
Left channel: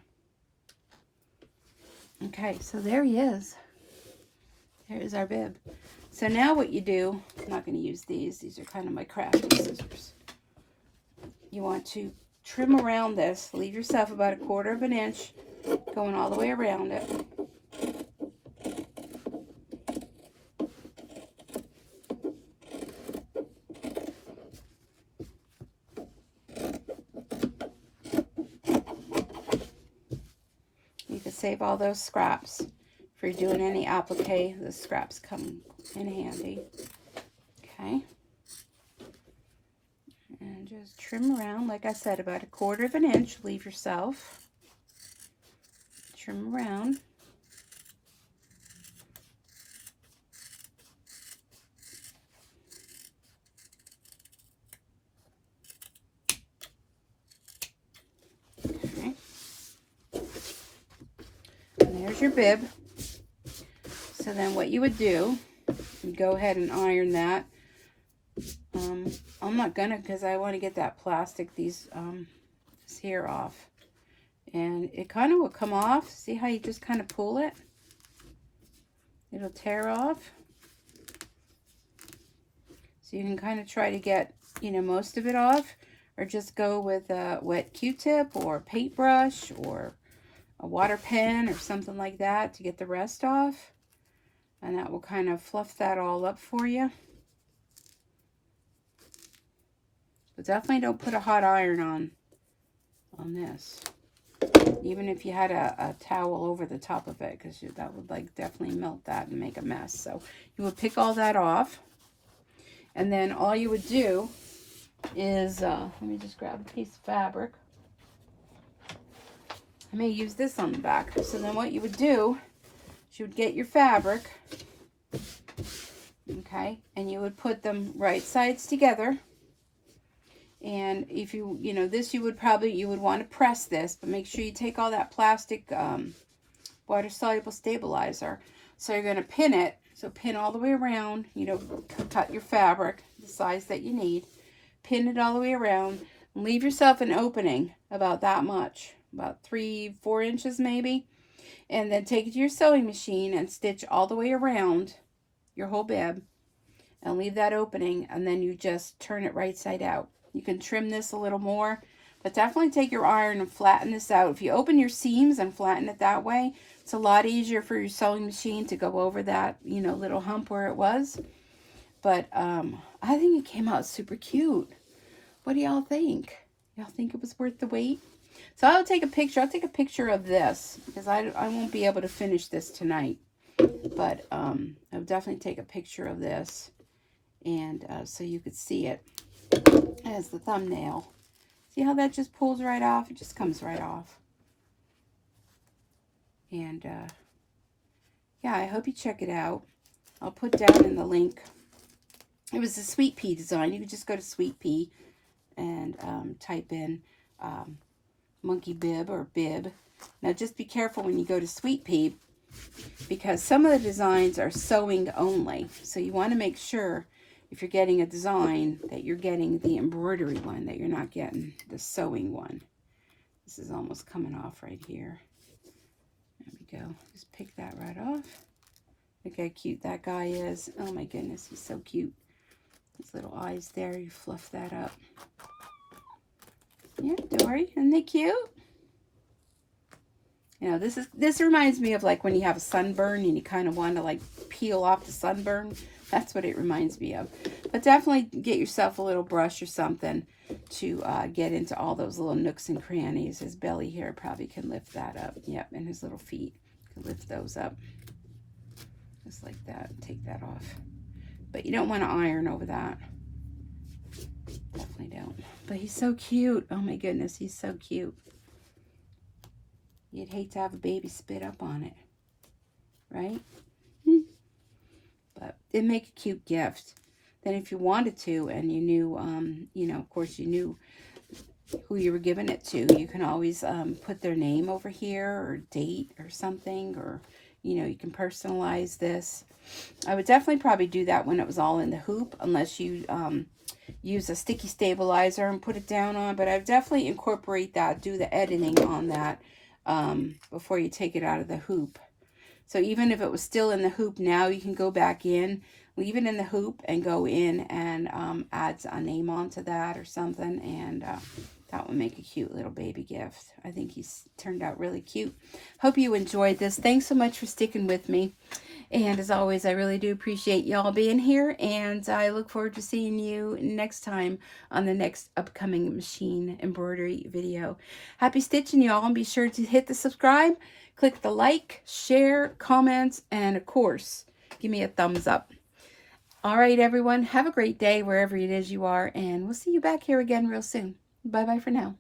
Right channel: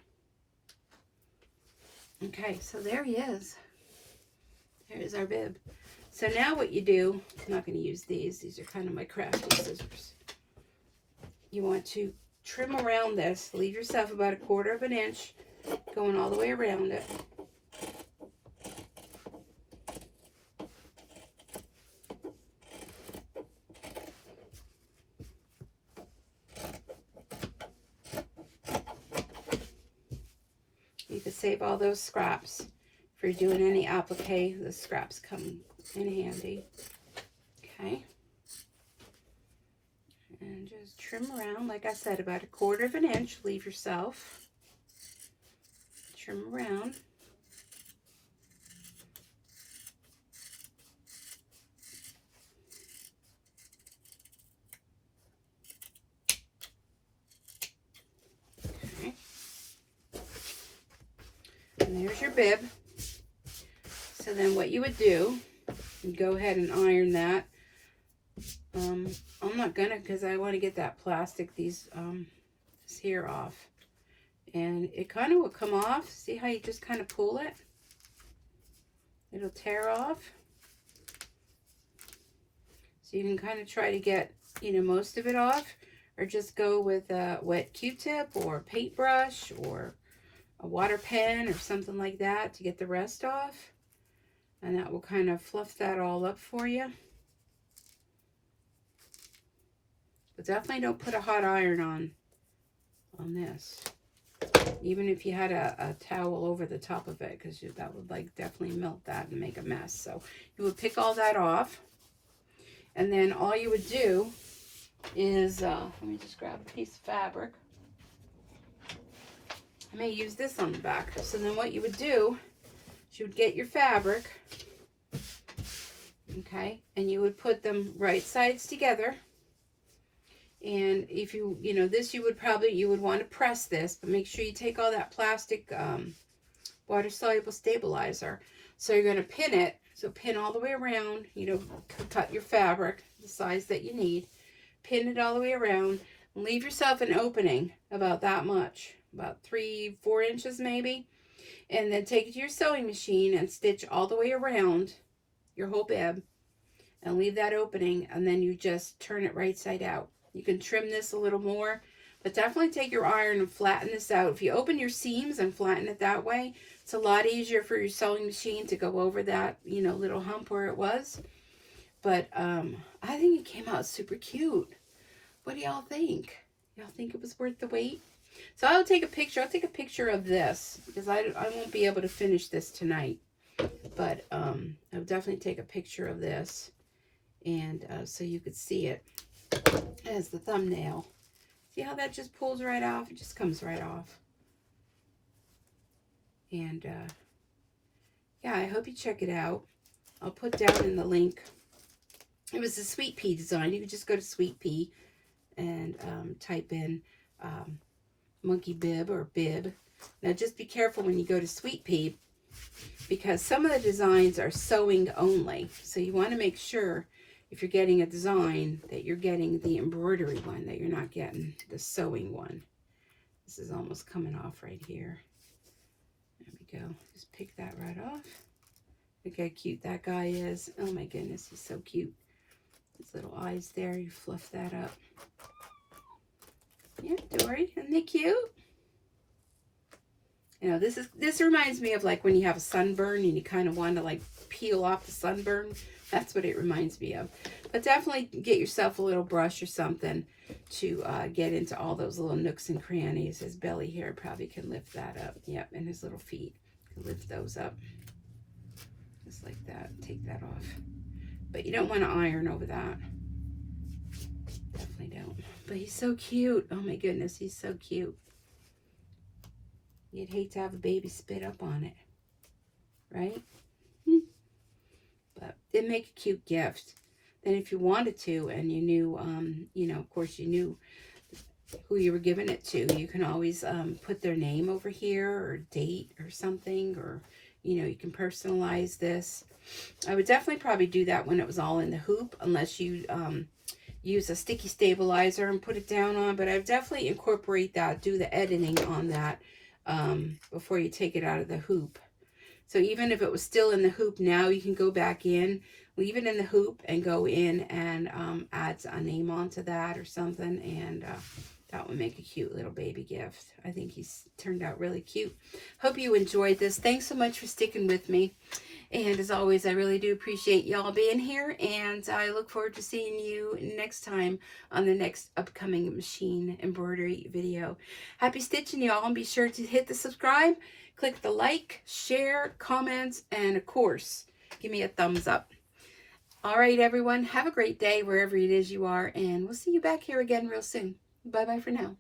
Okay, so there he is. There is our bib. So now what you do, I'm not going to use these. These are kind of my crafty scissors. You want to trim around this. Leave yourself about 1/4 of an inch going all the way around it. You can save all those scraps. If you're doing any applique, the scraps come in handy. Okay. And just trim around, like I said, about 1/4 of an inch. Leave yourself. Trim around. Okay. And there's your bib. So then what you would do, you go ahead and iron that. I'm not gonna, because I want to get that plastic, this hair off. And it kind of will come off. See how you just kind of pull it? It'll tear off. So you can kind of try to get, you know, most of it off. Or just go with a wet Q-tip or paintbrush or a water pen or something like that to get the rest off. And that will kind of fluff that all up for you. But definitely don't put a hot iron on this. Even if you had a towel over the top of it, because that would like definitely melt that and make a mess. So you would pick all that off. And then all you would do is, let me just grab a piece of fabric. I may use this on the back. So then what you would do is you would get your fabric, okay, and you would put them right sides together. And if you know, this you would want to press this, but make sure you take all that plastic water-soluble stabilizer. So you're going to pin it. So pin all the way around, you know, cut your fabric the size that you need. Pin it all the way around. And leave yourself an opening about that much, about 3-4 inches maybe. And then take it to your sewing machine and stitch all the way around your whole bib. And leave that opening, and then you just turn it right side out. You can trim this a little more, but definitely take your iron and flatten this out. If you open your seams and flatten it that way, it's a lot easier for your sewing machine to go over that, you know, little hump where it was. But I think it came out super cute. What do y'all think? Y'all think it was worth the wait? So I'll take a picture. I'll take a picture of this because I won't be able to finish this tonight. But I'll definitely take a picture of this, and so you could see it as the thumbnail. See how that just pulls right off? It just comes right off. And yeah, I hope you check it out. I'll put down in the link. It was a Sweet Pea design. You could just go to Sweet Pea and type in monkey bib or bib. Now just be careful when you go to Sweet Pea, because some of the designs are sewing only. So you want to make sure if you're getting a design, that you're getting the embroidery one, that you're not getting the sewing one. This is almost coming off right here. There we go. Just pick that right off. Look how cute that guy is. Oh my goodness, he's so cute. His little eyes there, you fluff that up. Yeah, don't worry, isn't they cute? You know, this reminds me of like when you have a sunburn and you kind of want to like peel off the sunburn. That's what it reminds me of. But definitely get yourself a little brush or something to get into all those little nooks and crannies. His belly here probably can lift that up. Yep, and his little feet can lift those up. Just like that. Take that off. But you don't want to iron over that. Definitely don't. But he's so cute. Oh my goodness, he's so cute. You'd hate to have a baby spit up on it, right? But it'd make a cute gift. Then if you wanted to and you knew, you know, of course you knew who you were giving it to, you can always put their name over here or date or something, or, you know, you can personalize this. I would definitely probably do that when it was all in the hoop, unless you use a sticky stabilizer and put it down on. But I would definitely incorporate that, do the editing on that before you take it out of the hoop. So even if it was still in the hoop now, you can go back in, leave it in the hoop, and go in and add a name onto that or something, and that would make a cute little baby gift. I think he's turned out really cute. Hope you enjoyed this. Thanks so much for sticking with me. And as always, I really do appreciate y'all being here, and I look forward to seeing you next time on the next upcoming machine embroidery video. Happy stitching, y'all, and be sure to hit the subscribe, click the like, share, comments, and of course, give me a thumbs up. All right, everyone, have a great day wherever it is you are, and we'll see you back here again real soon. Bye-bye for now.